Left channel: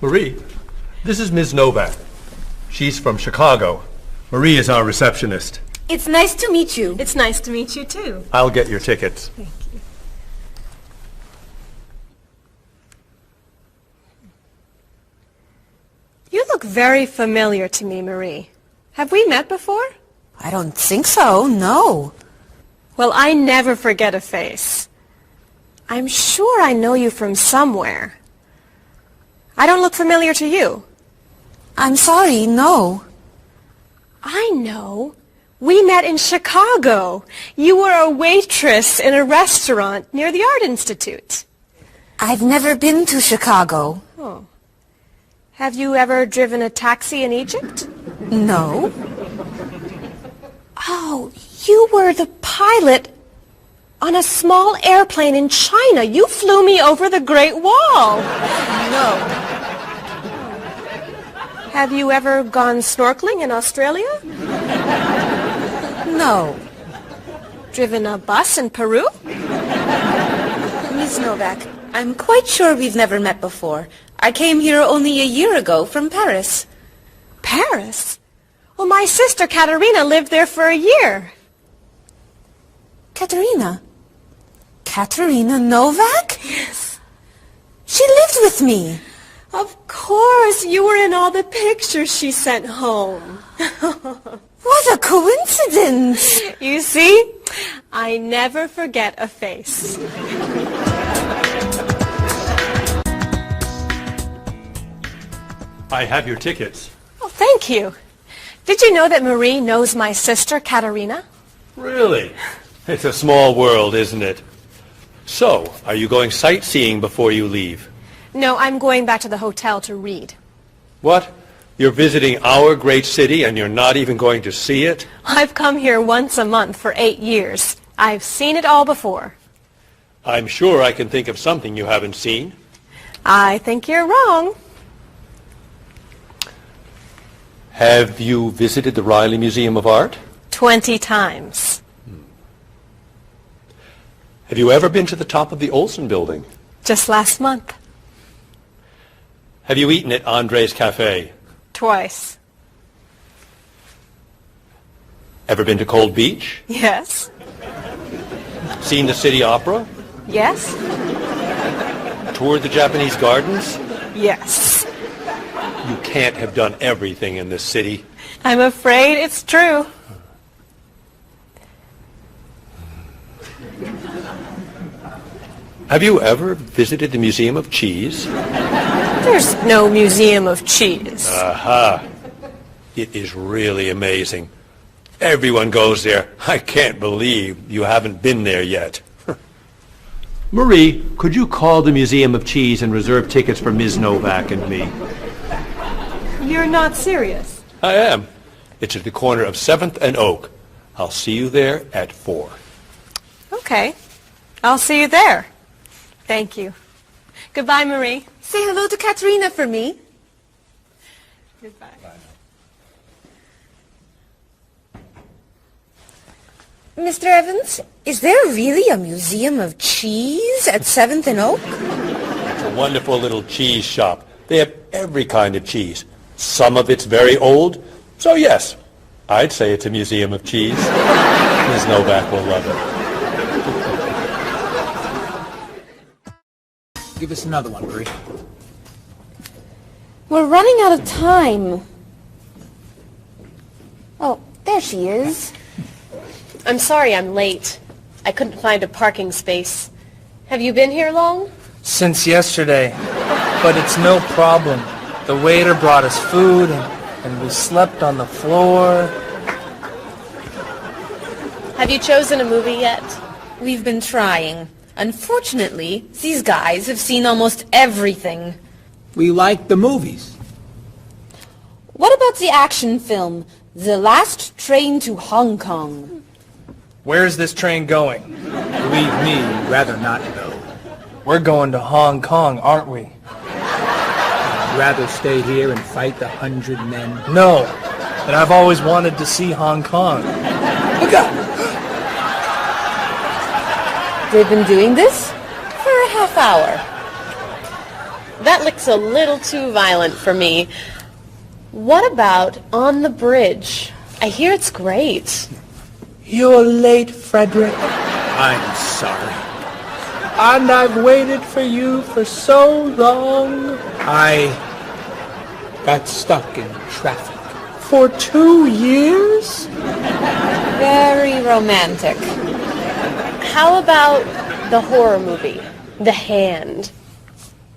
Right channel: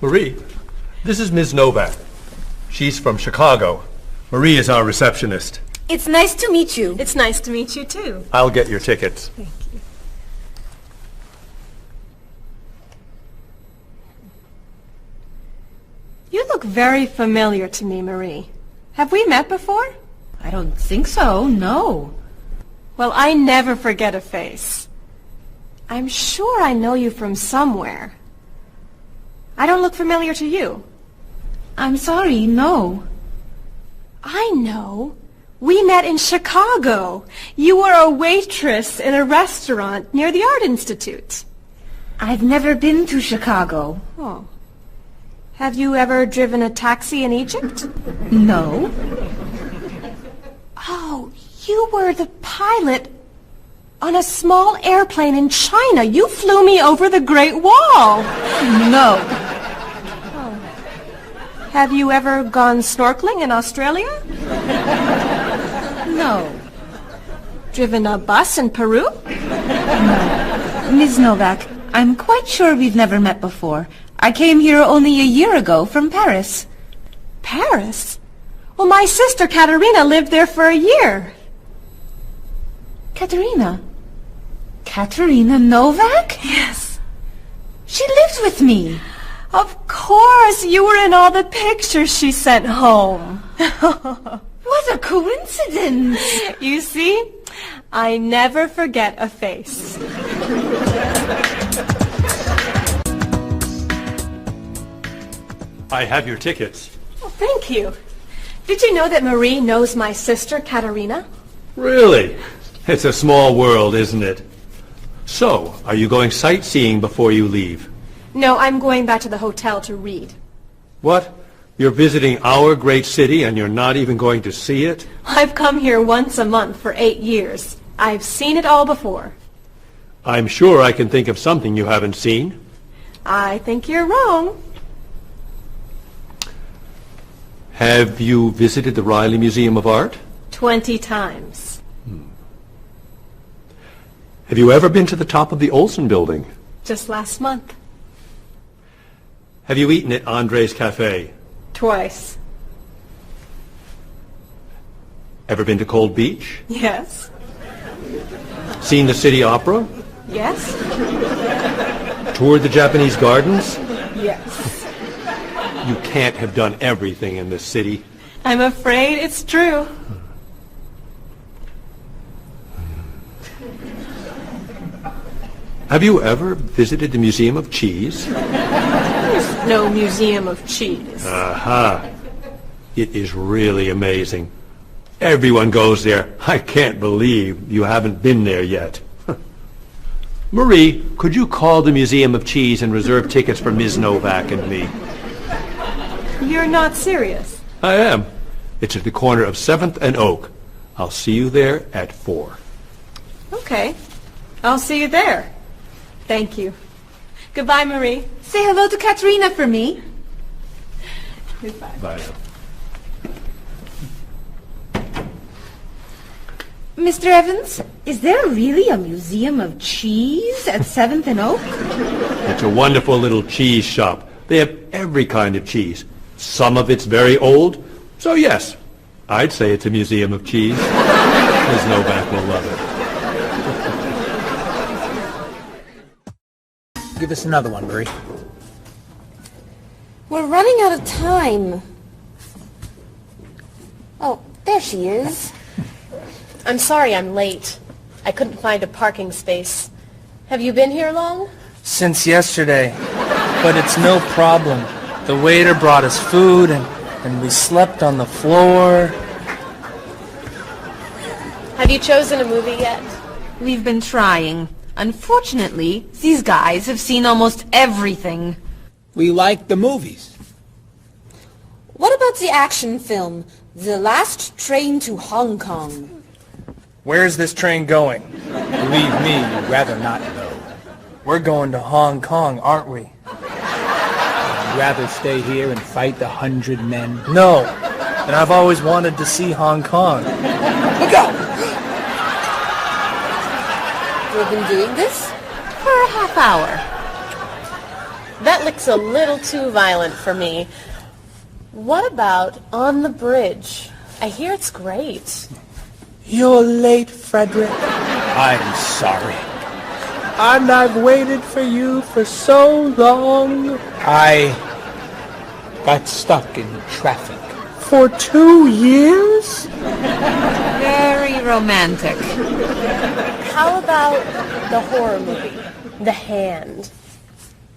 Marie, this is Ms. Novak. She's from Chicago. Marie is our receptionist. It's nice to meet you. It's nice to meet you, too. I'll get your tickets. Thank you. You look very familiar to me, Marie. Have we met before? I don't think so, no. Well, I never forget a face. I'm sure I know you from somewhere. I don't look familiar to you. I'm sorry, no. I know. We met in Chicago. You were a waitress in a restaurant near the Art Institute. I've never been to Chicago. Oh. Have you ever driven a taxi in Egypt? No. Oh, you were the pilot on a small airplane in China. You flew me over the Great Wall. No. Have you ever gone snorkeling in Australia? No. Driven a bus in Peru? Ms. Novak, I'm quite sure we've never met before. I came here only a year ago from Paris. Paris? Well, my sister Katerina lived there for a year. Katerina? Katerina Novak? Yes. She lived with me. Of course, you were in all the pictures she sent home. What a coincidence. You see, I never forget a face. I have your tickets. Oh, thank you. Did you know that Marie knows my sister Katerina? Really? It's a small world, isn't it? So, are you going sightseeing before you leave? No, I'm going back to the hotel to read. What? You're visiting our great city and you're not even going to see it? I've come here once a month for 8 years. I've seen it all before. I'm sure I can think of something you haven't seen. I think you're wrong. Have you visited the Riley Museum of Art? 20 times. Have you ever been to the top of the Olsen building? Just last month. Have you eaten at Andre's Cafe? Twice. Ever been to Cold Beach? Yes. Seen the City Opera? Yes. Toured the Japanese gardens? Yes. You can't have done everything in this city. I'm afraid it's true. Have you ever visited the Museum of Cheese? There's no museum of cheese. Aha. It is really amazing. Everyone goes there. I can't believe you haven't been there yet. Marie, could you call the Museum of Cheese and reserve tickets for Ms. Novak and me? You're not serious. I am. It's at the corner of 7th and Oak. I'll see you there at 4. Okay. I'll see you there. Thank you. Goodbye, Marie. Say hello to Katerina for me. Goodbye. Bye. Mr. Evans, is there really a museum of cheese at 7th and Oak? It's a wonderful little cheese shop. They have every kind of cheese. Some of it's very old. So yes, I'd say it's a museum of cheese. There's no back will love it. Give us another one, Marie. We're running out of time. Oh, there she is. I'm sorry I'm late. I couldn't find a parking space. Have you been here long? Since yesterday. But it's no problem. The waiter brought us food, and we slept on the floor. Have you chosen a movie yet? We've been trying. Unfortunately, these guys have seen almost everything. We like the movies. What about the action film, The Last Train to Hong Kong? Where's this train going? Believe me, we'd rather not know. We're going to Hong Kong, aren't we? rather stay here and fight the 100 men? No, but I've always wanted to see Hong Kong. Look out! You've been doing this? For a half hour. That looks a little too violent for me. What about On the Bridge? I hear it's great. You're late, Frederick. I'm sorry. And I've waited for you for so long. I got stuck in traffic for 2 years. Very romantic. How about the horror movie, The Hand?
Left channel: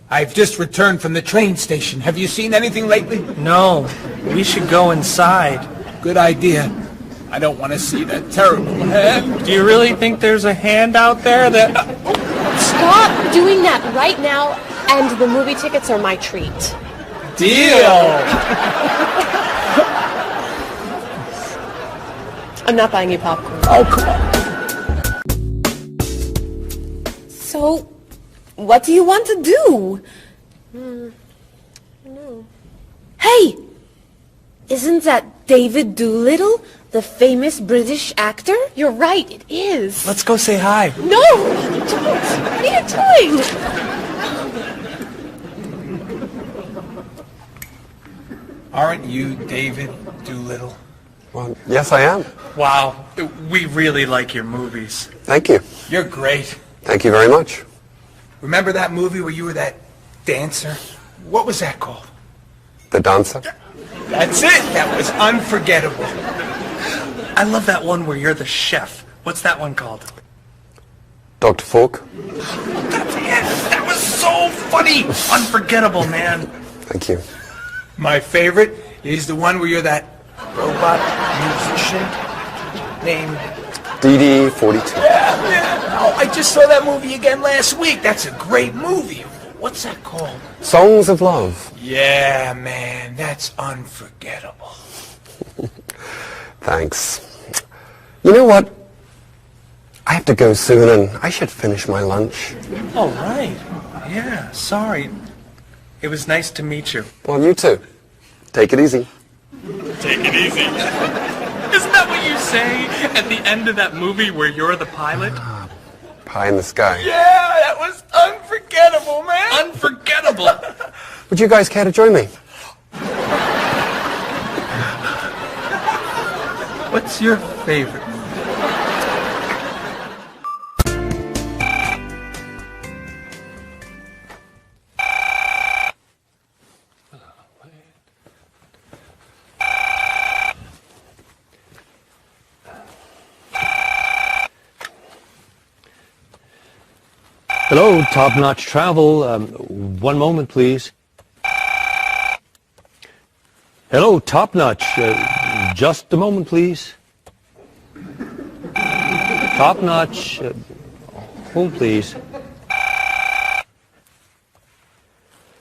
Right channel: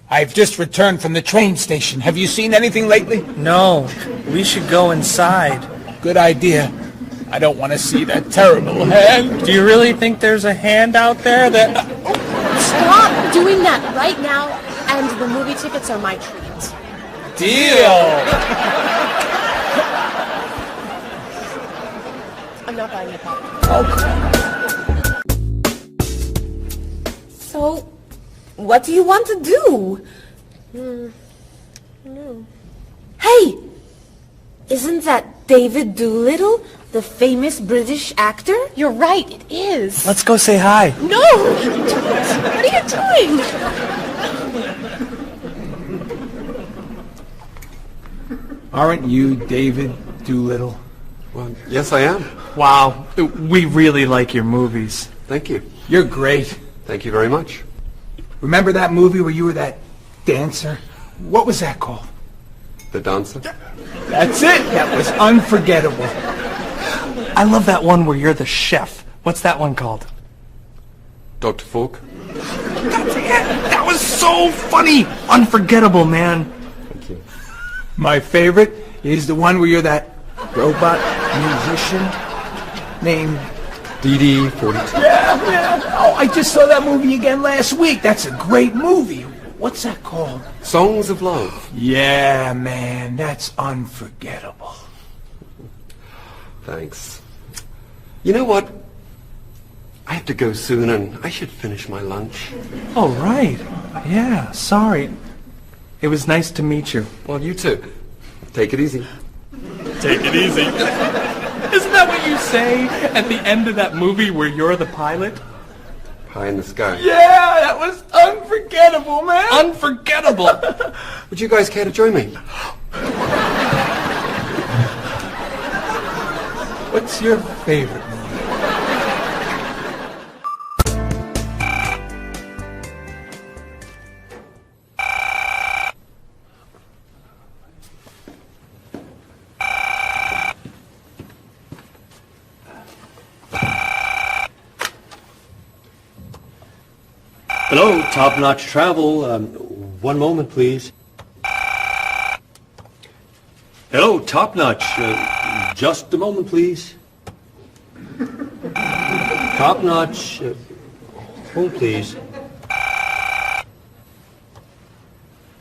I've just returned from the train station. Have you seen anything lately? No, we should go inside. Good idea. I don't want to see that terrible hand. Do you really think there's a hand out there that... Stop doing that right now, and the movie tickets are my treat. Deal! I'm not buying you popcorn. Oh, come on. So, what do you want to do? Hey! Isn't that David Doolittle, the famous British actor? You're right, it is. Let's go say hi. No! What are you doing? Aren't you David Doolittle? Well, yes, I am. Wow, we really like your movies. Thank you. You're great. Thank you very much. Remember that movie where you were that dancer? What was that called? The dancer? That's it. That was unforgettable. I love that one where you're the chef. What's that one called? Dr. Falk? That was so funny! Unforgettable, man. Thank you. My favorite is the one where you're that robot musician named... DD-42. Oh, I just saw that movie again last week. That's a great movie. What's that called? Songs of Love. Yeah, man, that's unforgettable. Thanks. You know what? I have to go soon and I should finish my lunch. Oh, right. Yeah, sorry. It was nice to meet you. Well, you too. Take it easy. Take it easy. Isn't that what you say at the end of that movie where you're the pilot? Pie in the sky. Yeah, that was unforgettable, man. Unforgettable. Would you guys care to join me? What's your favorite? Hello, top-notch travel. One moment, please. Hello, top-notch. Just a moment, please. Top-notch. Hold, please.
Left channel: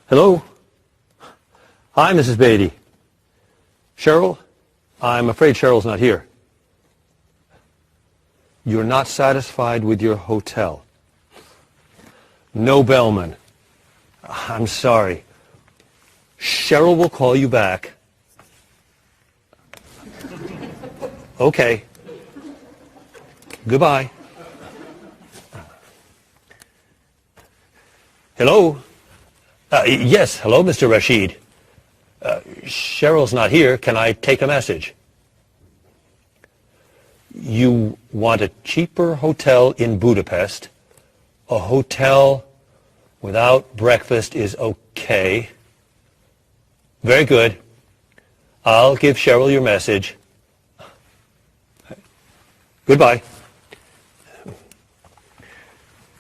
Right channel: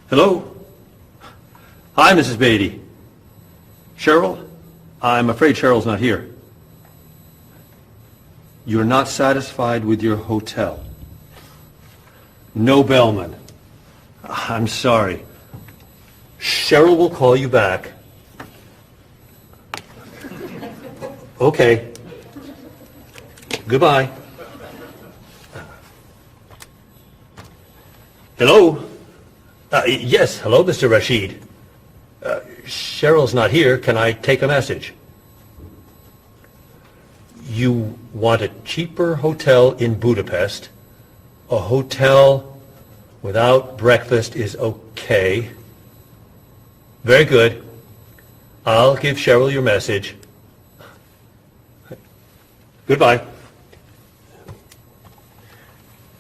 Hello? Hi, Mrs. Beatty. Cheryl? I'm afraid Cheryl's not here. You're not satisfied with your hotel? No bellman. I'm sorry. Cheryl will call you back. Okay. Goodbye. Hello? Yes, hello, Mr. Rashid. Cheryl's not here. Can I take a message? You want a cheaper hotel in Budapest? A hotel without breakfast is okay. Very good. I'll give Cheryl your message. Goodbye.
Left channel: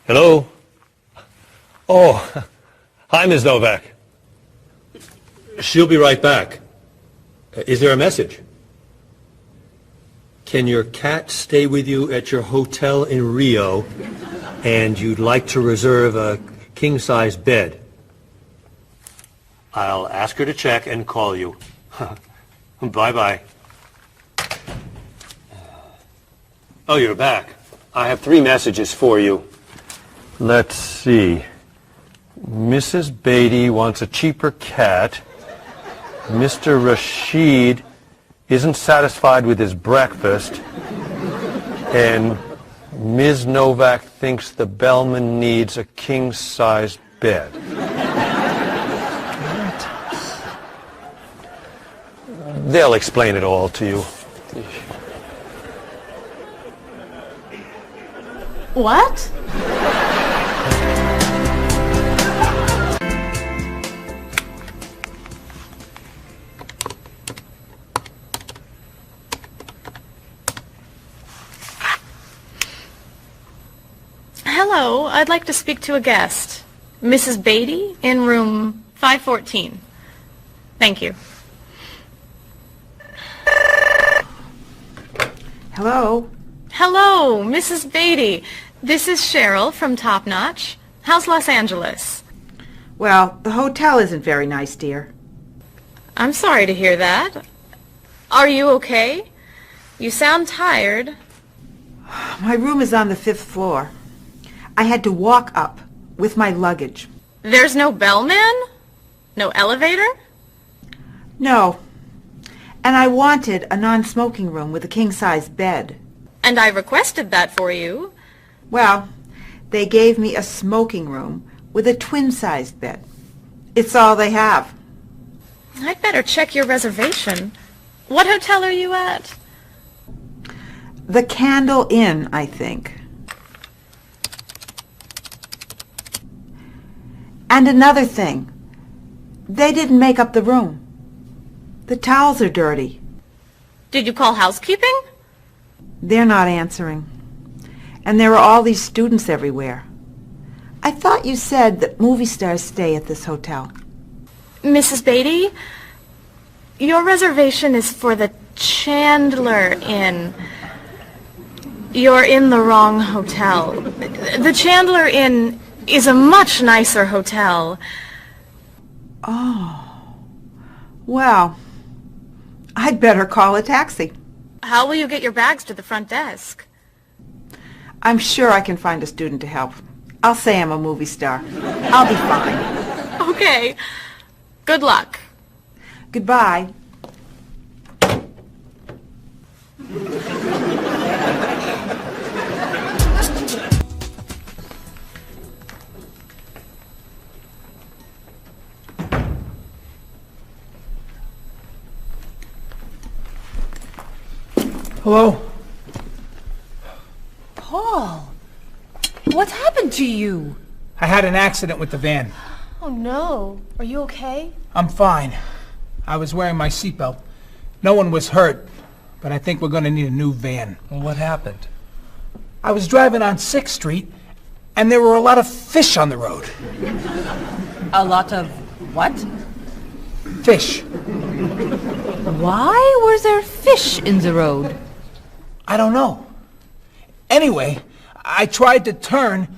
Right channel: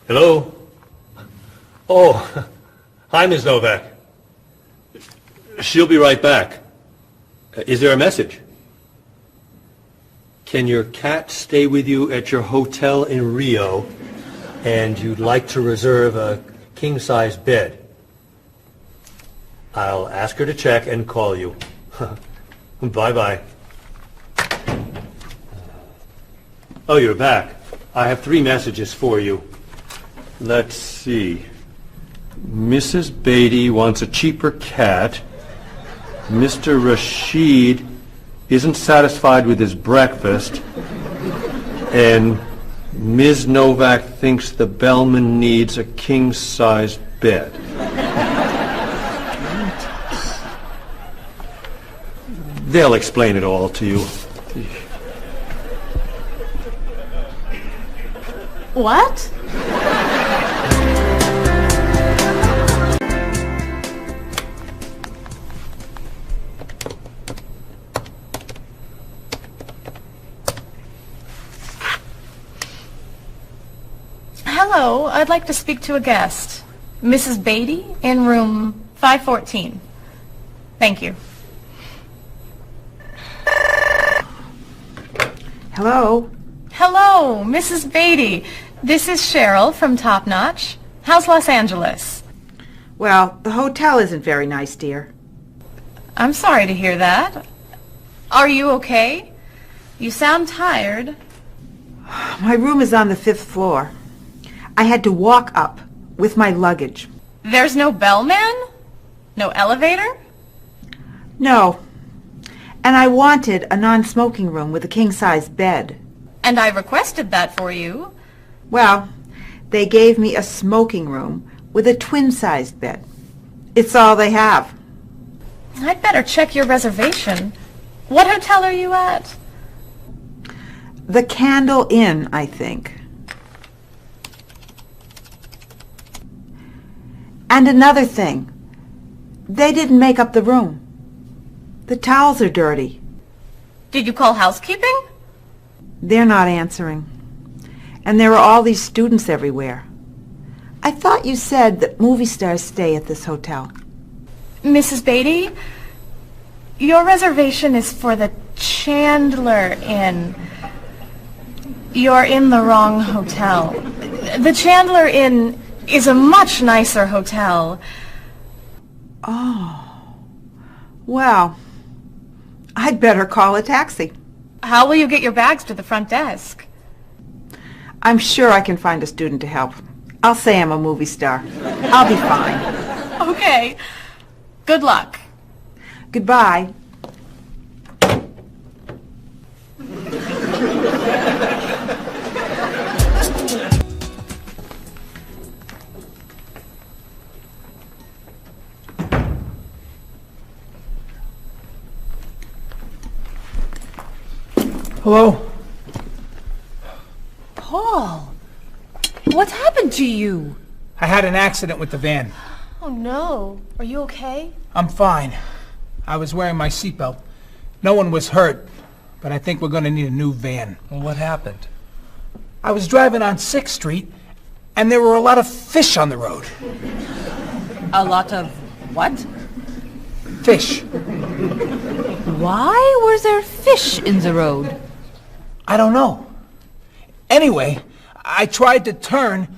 Hello? Oh, hi, Ms. Novak. She'll be right back. Is there a message? Can your cat stay with you at your hotel in Rio, and you'd like to reserve a king-size bed? I'll ask her to check and call you. Bye-bye. Oh, you're back. I have 3 messages for you. Let's see. Mrs. Beatty wants a cheaper cat. Mr. Rashid isn't satisfied with his breakfast. And Ms. Novak thinks the bellman needs a king-size bed. They'll explain it all to you. What? Hello, I'd like to speak to a guest. Mrs. Beatty in room 514. Thank you. Hello? Hello, Mrs. Beatty. This is Cheryl from Top Notch. How's Los Angeles? Well, the hotel isn't very nice, dear. I'm sorry to hear that. Are you okay? You sound tired. My room is on the 5th floor. I had to walk up with my luggage. There's no bellman? No elevator? No. And I wanted a non-smoking room with a king-size bed. And I requested that for you. Well, they gave me a smoking room with a twin-sized bed. It's all they have. I'd better check your reservation. What hotel are you at? The Candle Inn, I think. And another thing. They didn't make up the room. The towels are dirty. Did you call housekeeping? They're not answering. And there are all these students everywhere. I thought you said that movie stars stay at this hotel. Mrs. Beatty, your reservation is for the Chandler Inn. You're in the wrong hotel. The Chandler Inn is a much nicer hotel. Oh. Well, I'd better call a taxi. How will you get your bags to the front desk? I'm sure I can find a student to help. I'll say I'm a movie star. I'll be fine. Okay. Good luck. Goodbye. Hello? Paul, what happened to you? I had an accident with the van. Oh, no. Are you okay? I'm fine. I was wearing my seatbelt. No one was hurt, but I think we're going to need a new van. Well, what happened? I was driving on 6th Street, and there were a lot of fish on the road. A lot of what? Fish. Why were there fish in the road? I don't know. Anyway, I tried to turn,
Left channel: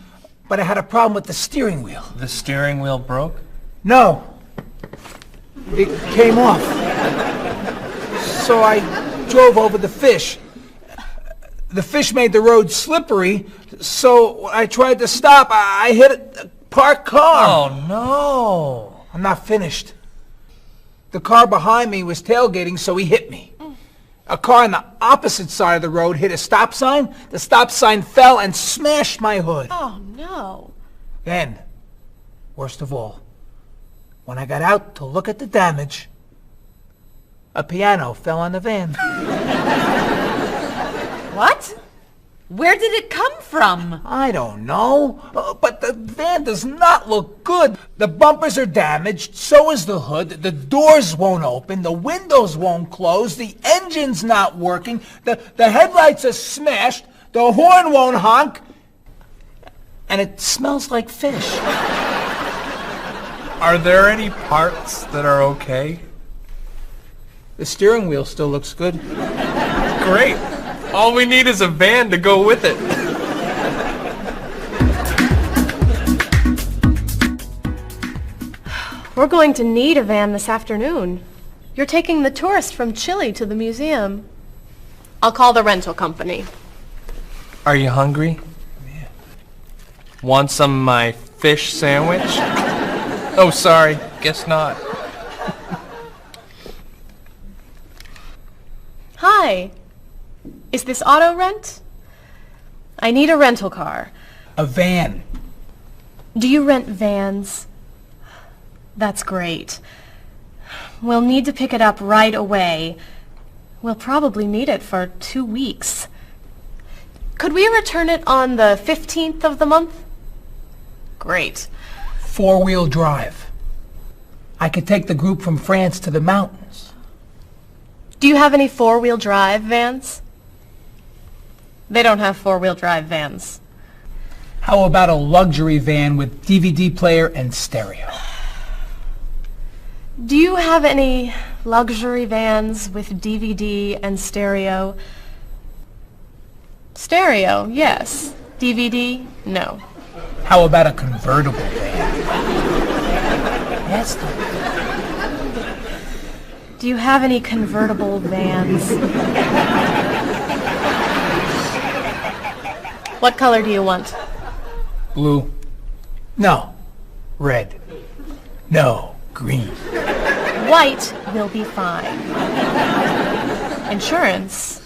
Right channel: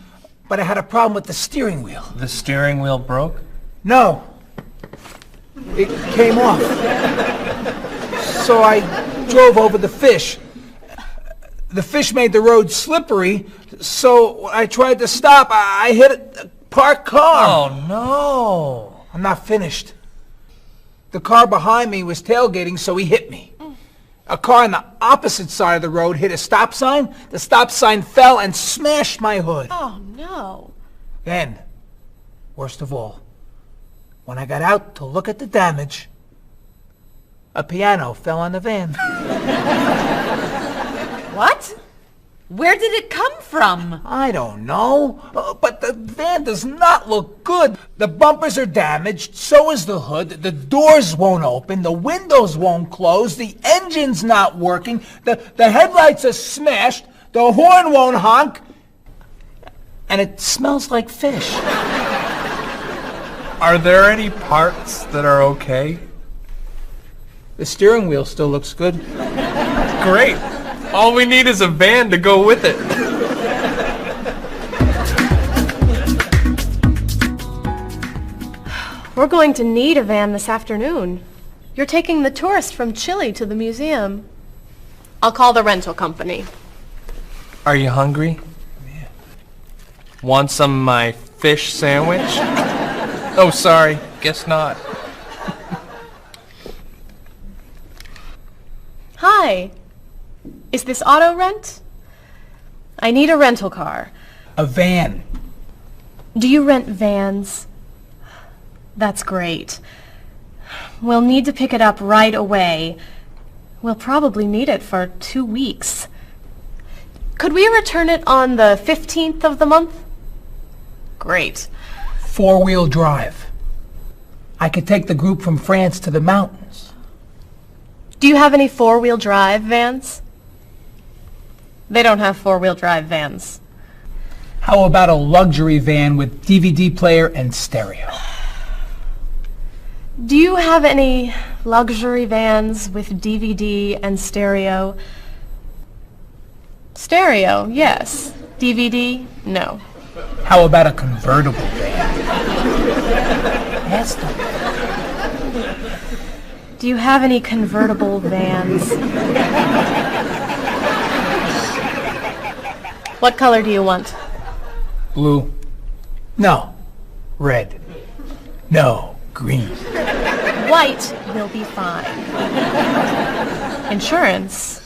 but I had a problem with the steering wheel. The steering wheel broke? No. It came off. So I drove over the fish. The fish made the road slippery, so when I tried to stop, I hit a parked car. Oh, no. I'm not finished. The car behind me was tailgating, so he hit me. A car on the opposite side of the road hit a stop sign. The stop sign fell and smashed my hood. Oh, no. Then, worst of all, when I got out to look at the damage, a piano fell on the van. What? Where did it come from? I don't know, but the van does not look good. The bumpers are damaged, so is the hood, the doors won't open, the windows won't close, the engine's not working, the headlights are smashed, the horn won't honk, and it smells like fish. Are there any parts that are okay? The steering wheel still looks good. Great. All we need is a van to go with it. We're going to need a van this afternoon. You're taking the tourist from Chile to the museum. I'll call the rental company. Are you hungry? Yeah. Want some of my fish sandwich? Oh, sorry. Guess not. Hi. Is this auto rent? I need a rental car. A van. Do you rent vans? That's great. We'll need to pick it up right away. We'll probably need it for 2 weeks. Could we return it on the 15th of the month? Great. 4-wheel drive. I could take the group from France to the mountains. Do you have any 4-wheel drive vans? They don't have 4-wheel drive vans. How about a luxury van with DVD player and stereo? Do you have any luxury vans with DVD and stereo? Stereo, yes. DVD, no. How about a convertible van? Yes, Do you have any convertible vans? What color do you want? Blue. No. Red. No. Green. White will be fine. Insurance?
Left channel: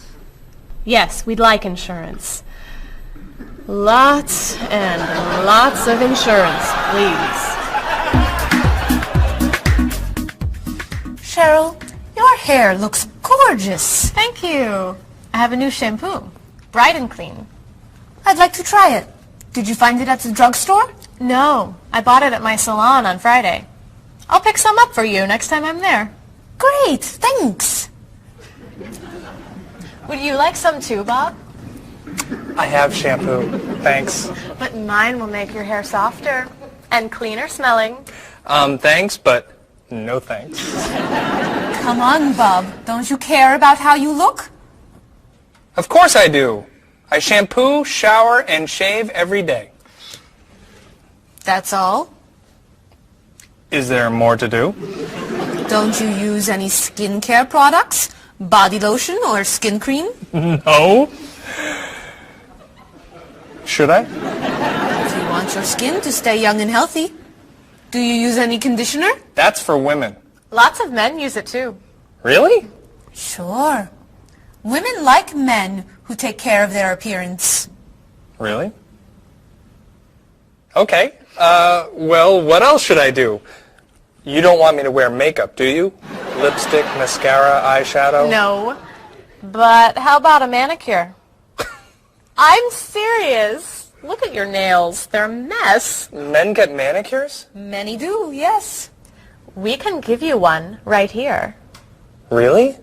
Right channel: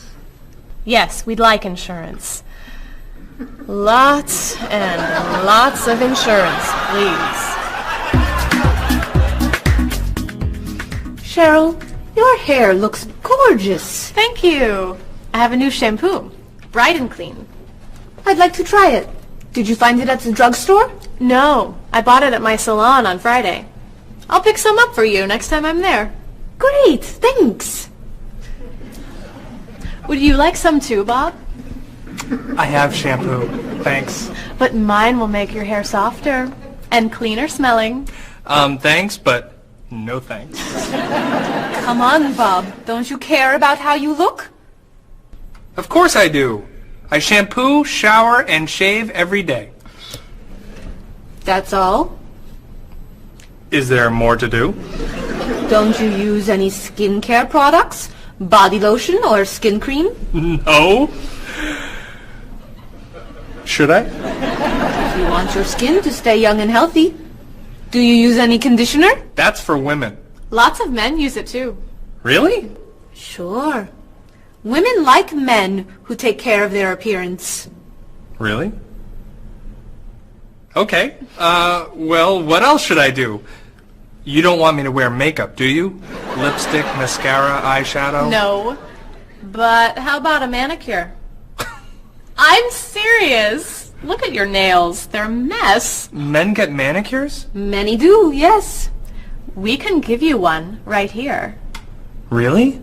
Yes, we'd like insurance. Lots and lots of insurance, please. Cheryl, your hair looks gorgeous. Thank you. I have a new shampoo. Bright and clean. I'd like to try it. Did you find it at the drugstore? No, I bought it at my salon on Friday. I'll pick some up for you next time I'm there. Great, thanks. Would you like some too, Bob? I have shampoo. Thanks. But mine will make your hair softer and cleaner smelling. Thanks, but no thanks. Come on, Bob. Don't you care about how you look? Of course I do. I shampoo, shower, and shave every day. That's all? Is there more to do? Don't you use any skincare products? Body lotion or skin cream? No. Should I? If you want your skin to stay young and healthy. Do you use any conditioner? That's for women. Lots of men use it too. Really? Sure. Women like men who take care of their appearance. Really? Okay. Well, what else should I do? You don't want me to wear makeup, do you? Lipstick, mascara, eyeshadow? No. But how about a manicure? I'm serious. Look at your nails. They're a mess. Men get manicures? Many do, yes. We can give you one right here. Really?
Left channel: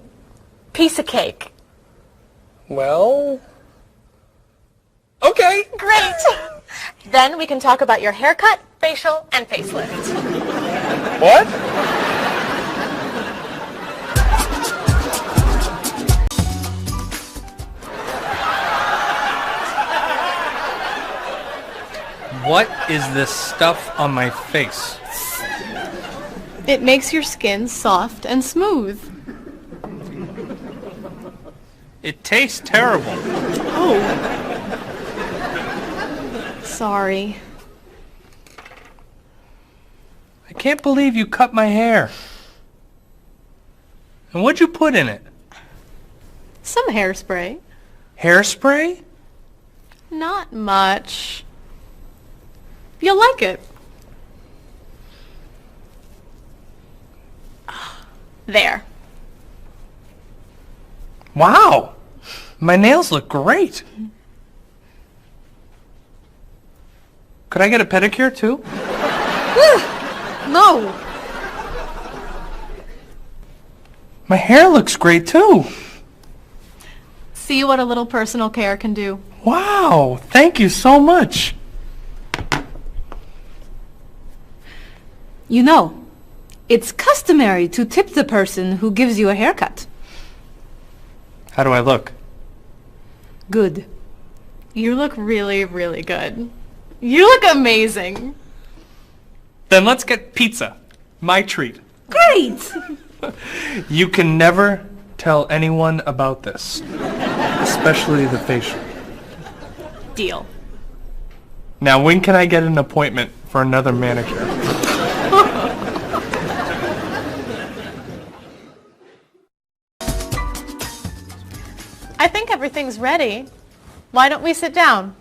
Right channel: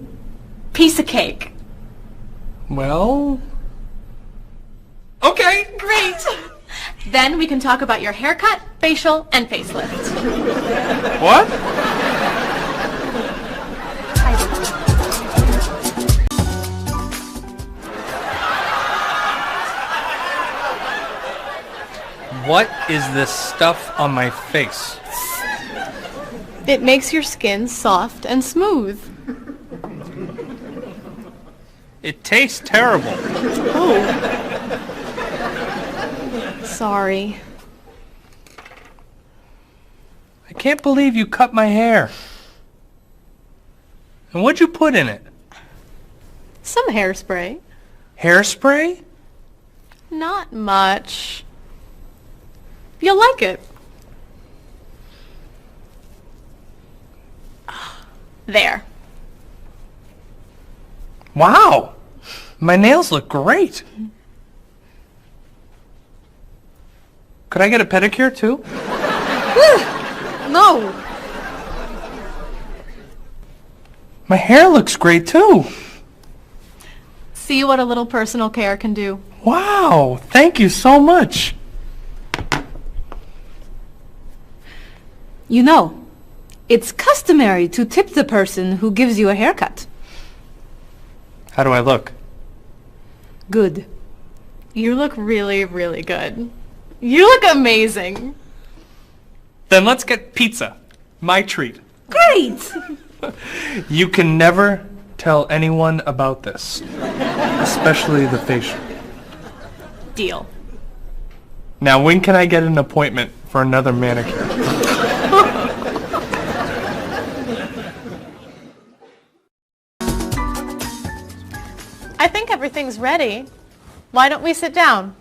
Piece of cake. Well... Okay. Great. Then we can talk about your haircut, facial, and facelift. What? What is this stuff on my face? It makes your skin soft and smooth. It tastes terrible. Oh. Sorry. I can't believe you cut my hair. And what'd you put in it? Some hairspray. Hairspray? Not much. You'll like it. There. Wow! My nails look great. Could I get a pedicure too? No. My hair looks great too. See what a little personal care can do. Wow! Thank you so much. You know, it's customary to tip the person who gives you a haircut. How do I look? Good. You look really, really good. You look amazing. Then let's get pizza. My treat. Great! You can never tell anyone about this. Especially the facial. Deal. Now when can I get an appointment for another manicure? I think everything's ready. Why don't we sit down?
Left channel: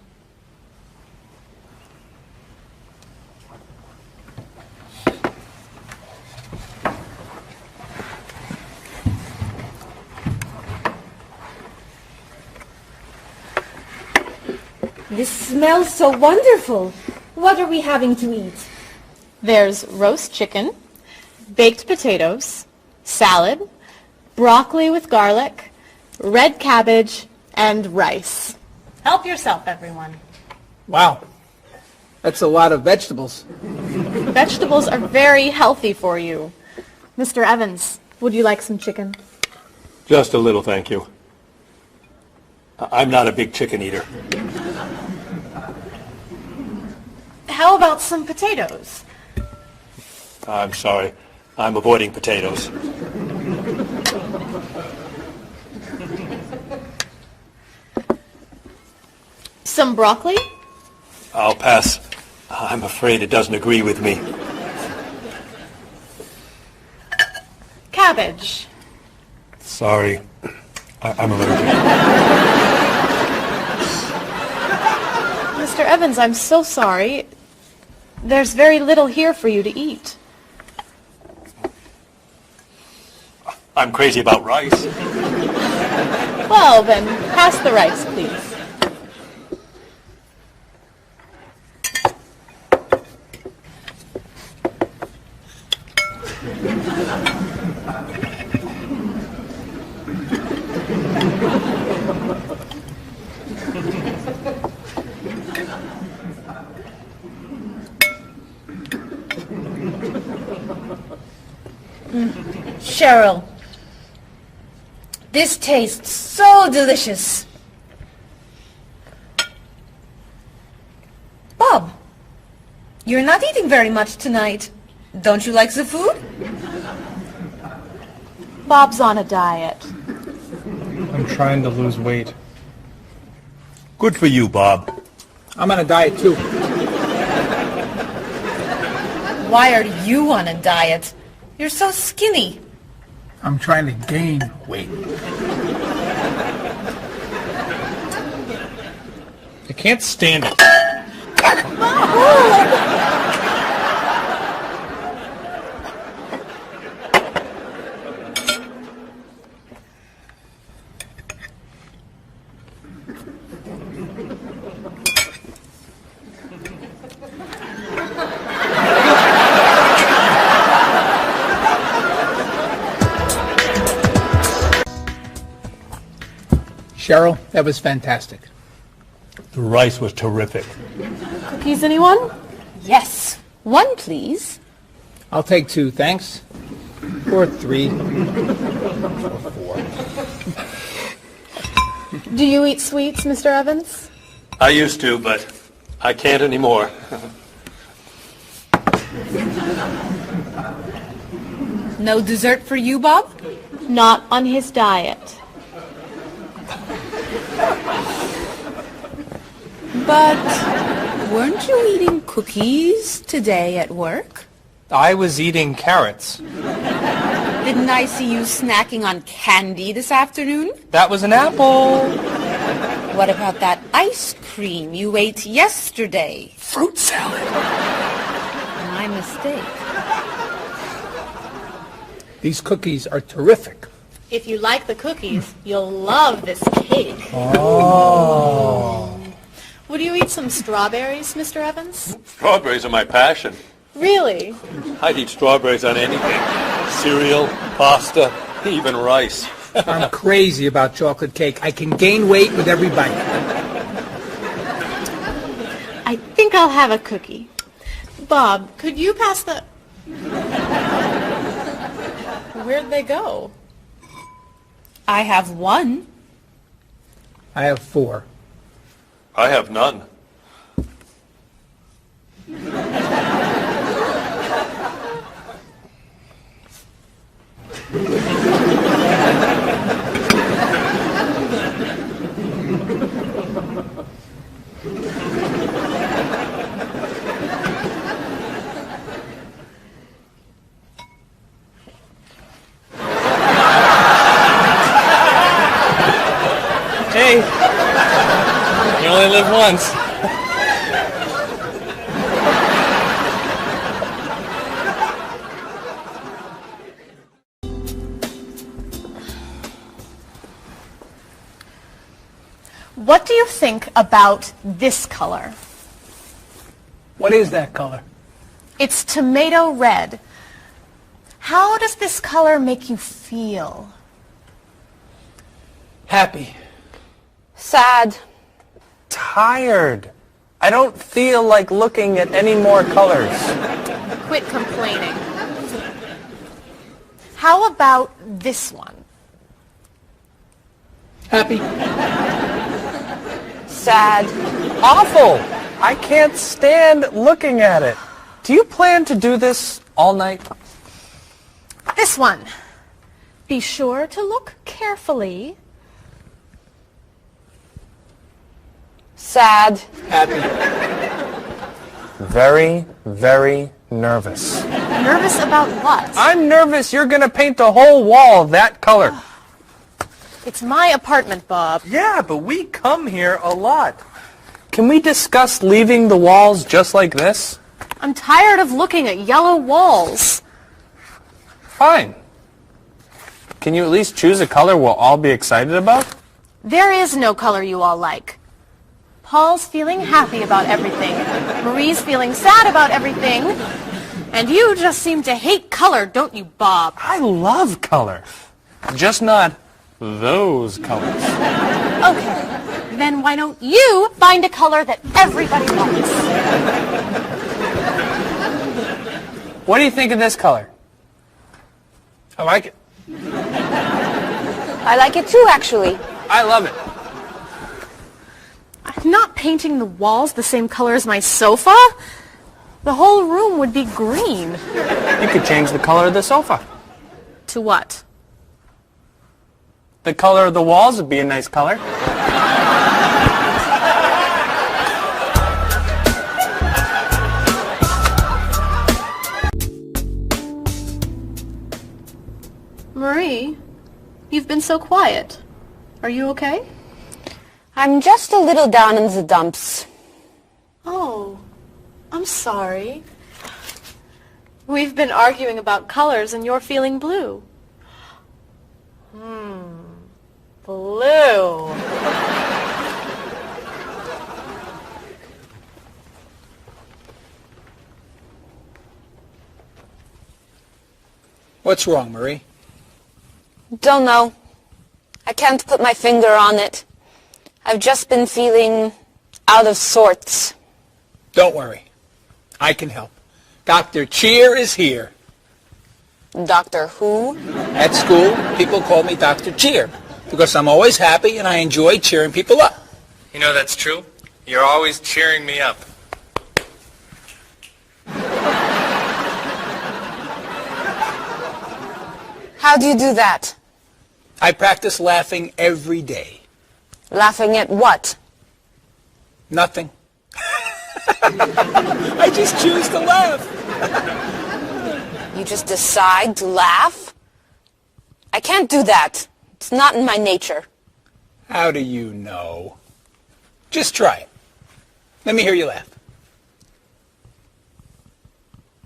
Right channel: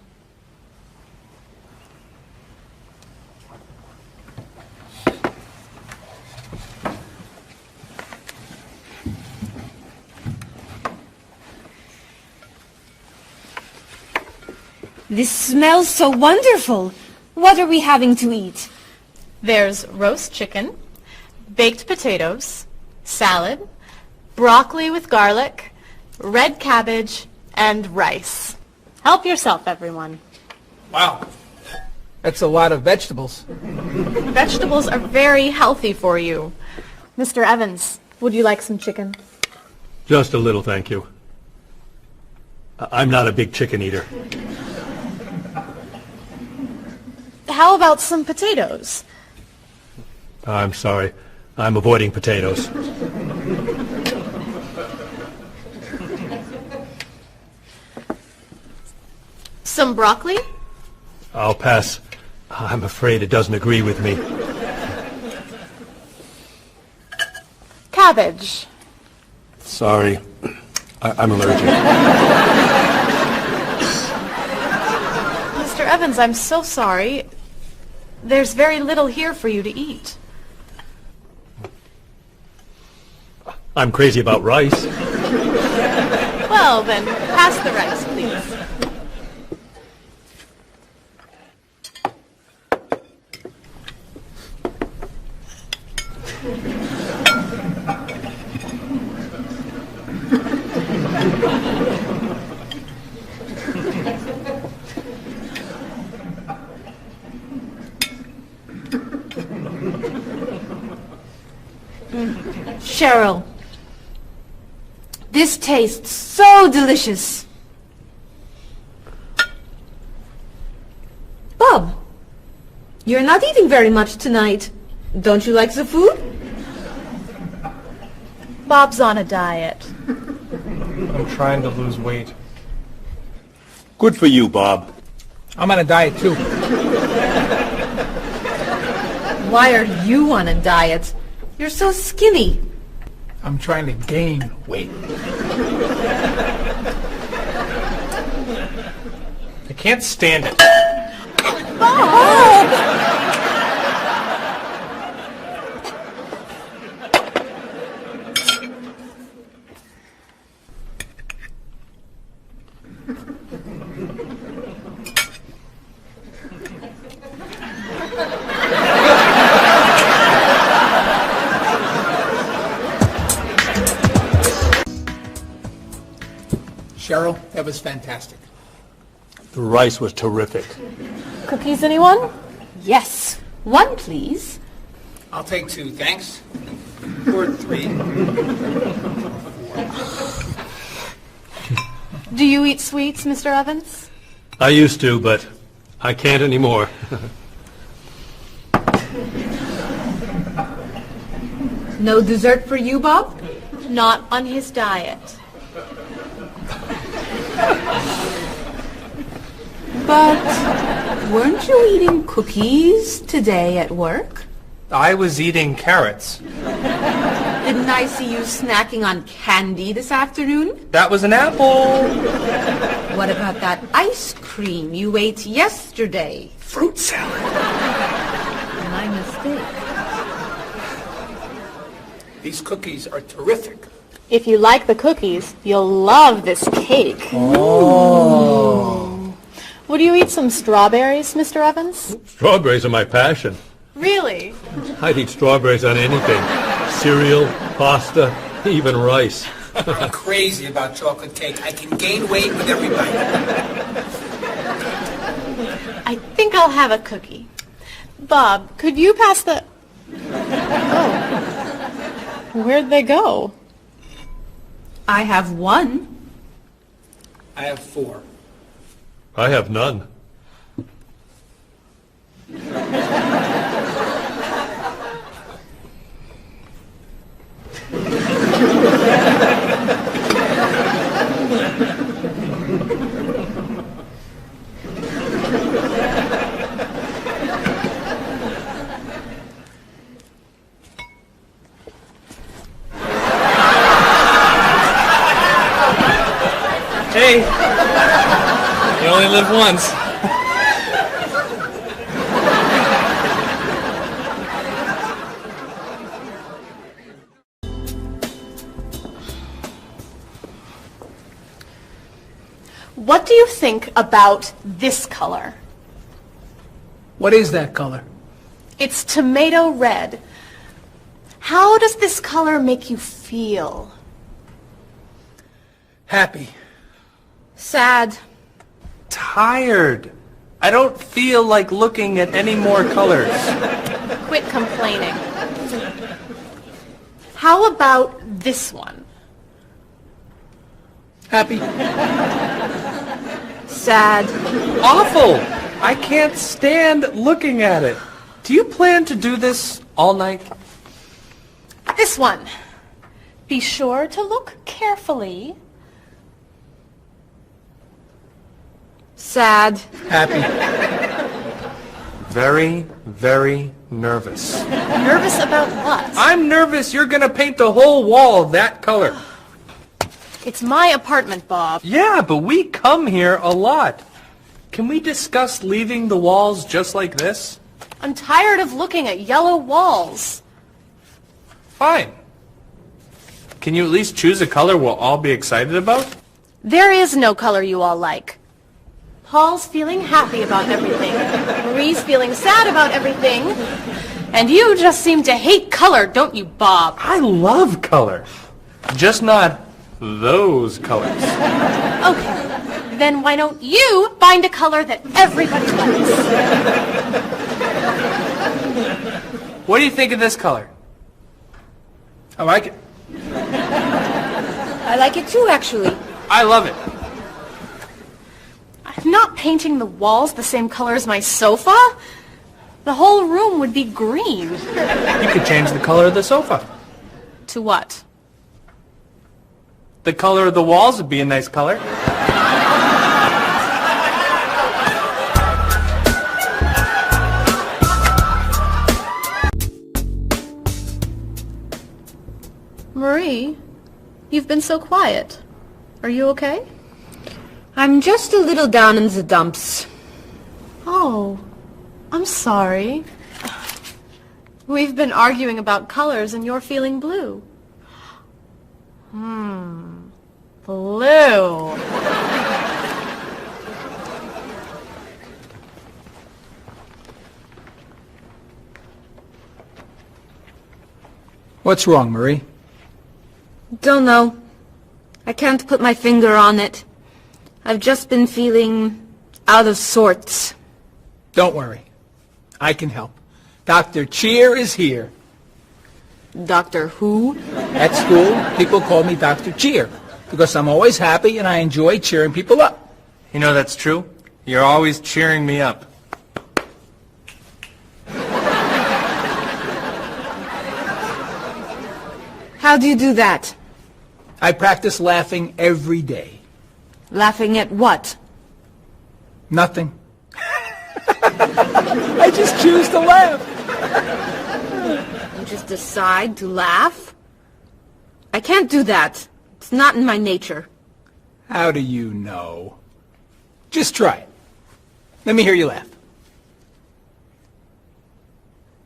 This smells so wonderful. What are we having to eat? There's roast chicken, baked potatoes, salad, broccoli with garlic, red cabbage, and rice. Help yourself, everyone. Wow. That's a lot of vegetables. Vegetables are very healthy for you. Mr. Evans, would you like some chicken? Just a little, thank you. I'm not a big chicken eater. How about some potatoes? I'm sorry. I'm avoiding potatoes. Some broccoli? I'll pass. I'm afraid it doesn't agree with me. Cabbage? Sorry. I'm allergic. Mr. Evans, I'm so sorry. There's very little here for you to eat. I'm crazy about rice. Well, then, pass the rice, please. Cheryl, this tastes so delicious. Bob, you're not eating very much tonight. Don't you like the food? Bob's on a diet. I'm trying to lose weight. Good for you, Bob. I'm on a diet too. Why are you on a diet? You're so skinny. I'm trying to gain weight. I can't stand it. Cheryl, that was fantastic. The rice was terrific. Cookies, anyone? Yes. One, please. I'll take 2, thanks. Or 3. Do you eat sweets, Mr. Evans? I used to, but I can't anymore. No dessert for you, Bob? Not on his diet. But weren't you eating cookies today at work? I was eating carrots. Didn't I see you snacking on candy this afternoon? That was an apple. What about that ice cream you ate yesterday? Fruit salad. My mistake. These cookies are terrific. If you like the cookies, you'll love this cake. Oh. Would you eat some strawberries, Mr. Evans? Strawberries are my passion. Really? I'd eat strawberries on anything. Cereal, pasta, even rice. I'm crazy about chocolate cake. I can gain weight with every bite. I think I'll have a cookie. Bob, could you pass the... Oh. Where'd they go? I have 1. I have 4. I have none. Hey, you only live once. What do you think about this color? What is that color? It's tomato red. How does this color make you feel? Happy. Sad. Tired. I don't feel like looking at any more colors. Quit complaining. How about this one? Happy. Sad. Awful. I can't stand looking at it. Do you plan to do this all night? This one. Be sure to look carefully. Sad. Happy. Very, very nervous. Nervous about what? I'm nervous you're going to paint the whole wall that color. It's my apartment, Bob. Yeah, but we come here a lot. Can we discuss leaving the walls just like this? I'm tired of looking at yellow walls. Fine. Can you at least choose a color we'll all be excited about? There is no color you all like. Paul's feeling happy about everything. Marie's feeling sad about everything. And you just seem to hate color, don't you, Bob? I love color. Just not those colors. Okay. Then why don't you find a color that everybody likes? What do you think of this color? I like it. I like it too, actually. I love it. I'm not painting the walls the same color as my sofa. The whole room would be green. You could change the color of the sofa. To what? The color of the walls would be a nice color. Marie, you've been so quiet. Are you okay? I'm just a little down in the dumps. Oh, I'm sorry. We've been arguing about colors and you're feeling blue. Blue. What's wrong, Marie? Don't know. I can't put my finger on it. I've just been feeling out of sorts. Don't worry. I can help. Dr. Cheer is here. Doctor who? At school, people call me Dr. Cheer because I'm always happy and I enjoy cheering people up. You know that's true. You're always cheering me up. How do you do that? I practice laughing every day. Laughing at what? Nothing. I just choose to laugh. You just decide to laugh? I can't do that. It's not in my nature. How do you know? Just try it. Let me hear you laugh.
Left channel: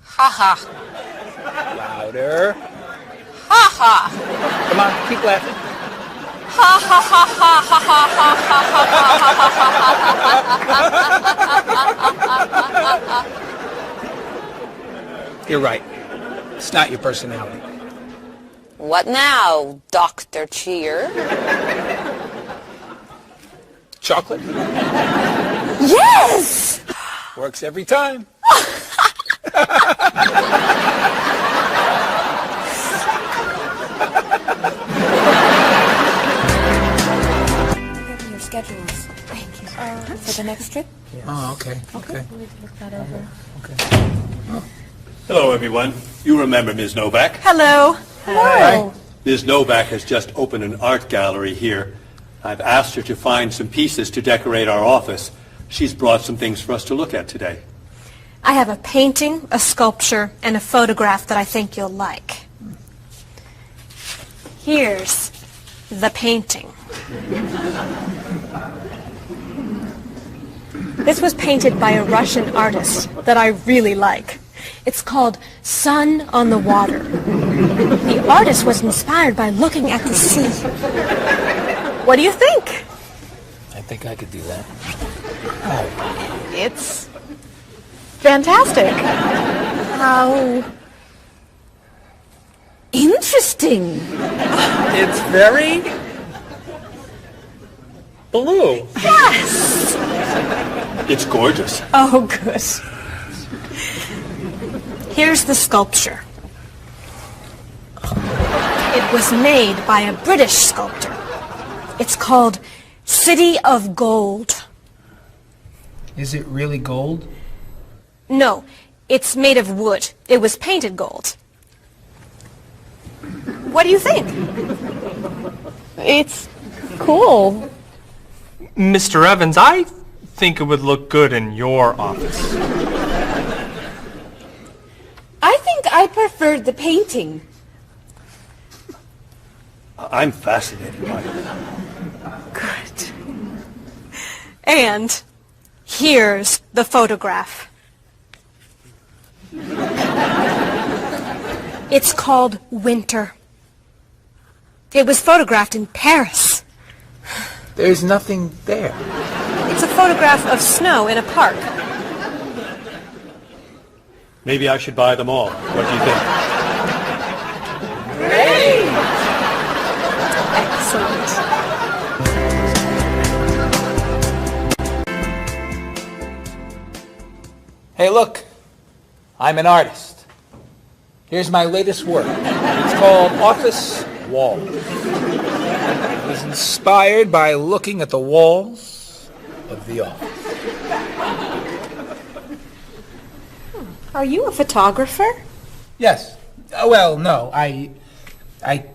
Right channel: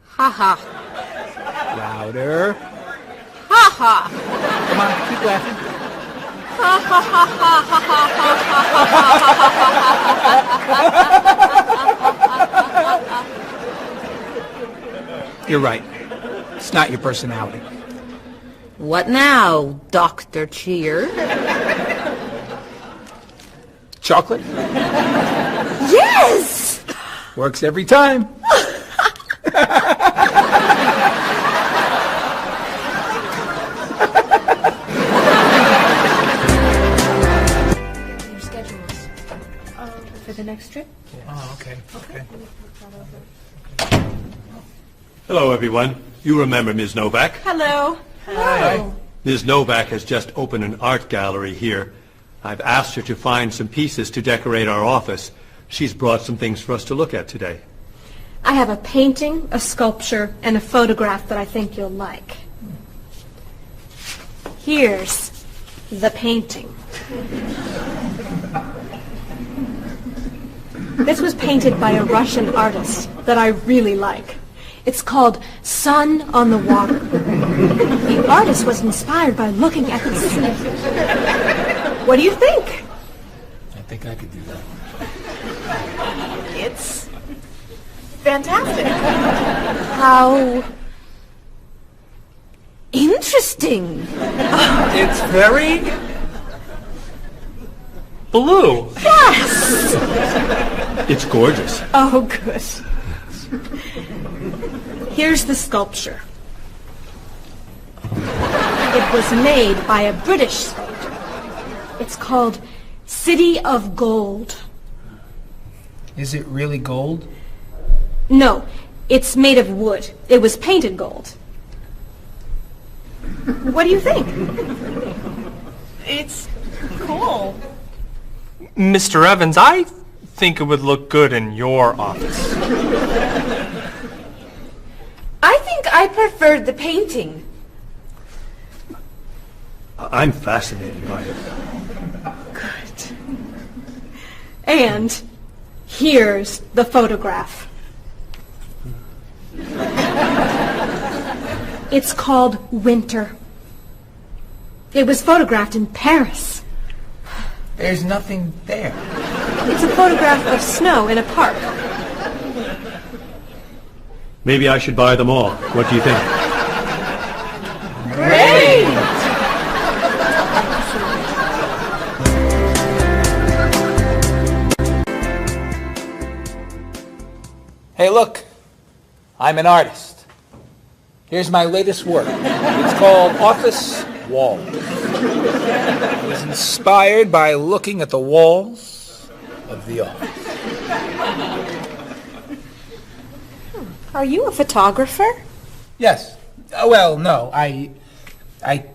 Ha ha. Louder. Ha ha. Come on, keep laughing. Ha ha ha ha ha ha ha. You're right. It's not your personality. What now, Dr. Cheer? Chocolate? Yes! Works every time. Your schedules. For the next trip? Oh, okay. Okay. Look that over. Hello, everyone. You remember Ms. Novak? Hello. Hi. Ms. Novak has just opened an art gallery here. I've asked her to find some pieces to decorate our office. She's brought some things for us to look at today. I have a painting, a sculpture, and a photograph that I think you'll like. Here's the painting. This was painted by a Russian artist that I really like. It's called Sun on the Water. The artist was inspired by looking at the sea. What do you think? I think I could do that. It's fantastic. How interesting. It's very blue. Yes! It's gorgeous. Oh, good. Here's the sculpture. It was made by a British sculptor. It's called City of Gold. Is it really gold? No, it's made of wood. It was painted gold. What do you think? It's cool. Mr. Evans, I think it would look good in your office. I think I preferred the painting. I'm fascinated by it. Good. And here's the photograph. It's called Winter. It was photographed in Paris. There's nothing there. It's a photograph of snow in a park. Maybe I should buy them all. What do you think? Great! Hey, look. I'm an artist. Here's my latest work. It's called Office Wall. It was inspired by looking at the walls of the office. Are you a photographer? Yes. Well, no. I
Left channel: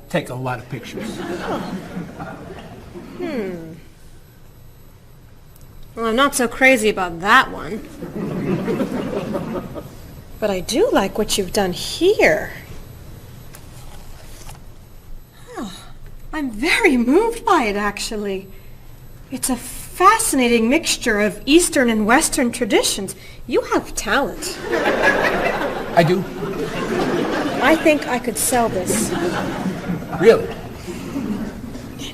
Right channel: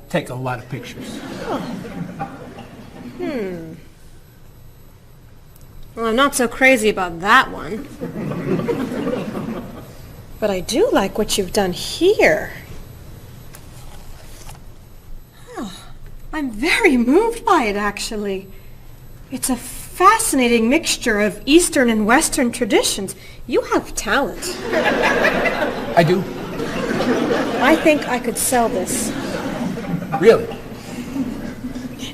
take a lot of pictures. Well, I'm not so crazy about that one. But I do like what you've done here. Oh, I'm very moved by it, actually. It's a fascinating mixture of Eastern and Western traditions. You have talent. I do. I think I could sell this. Really?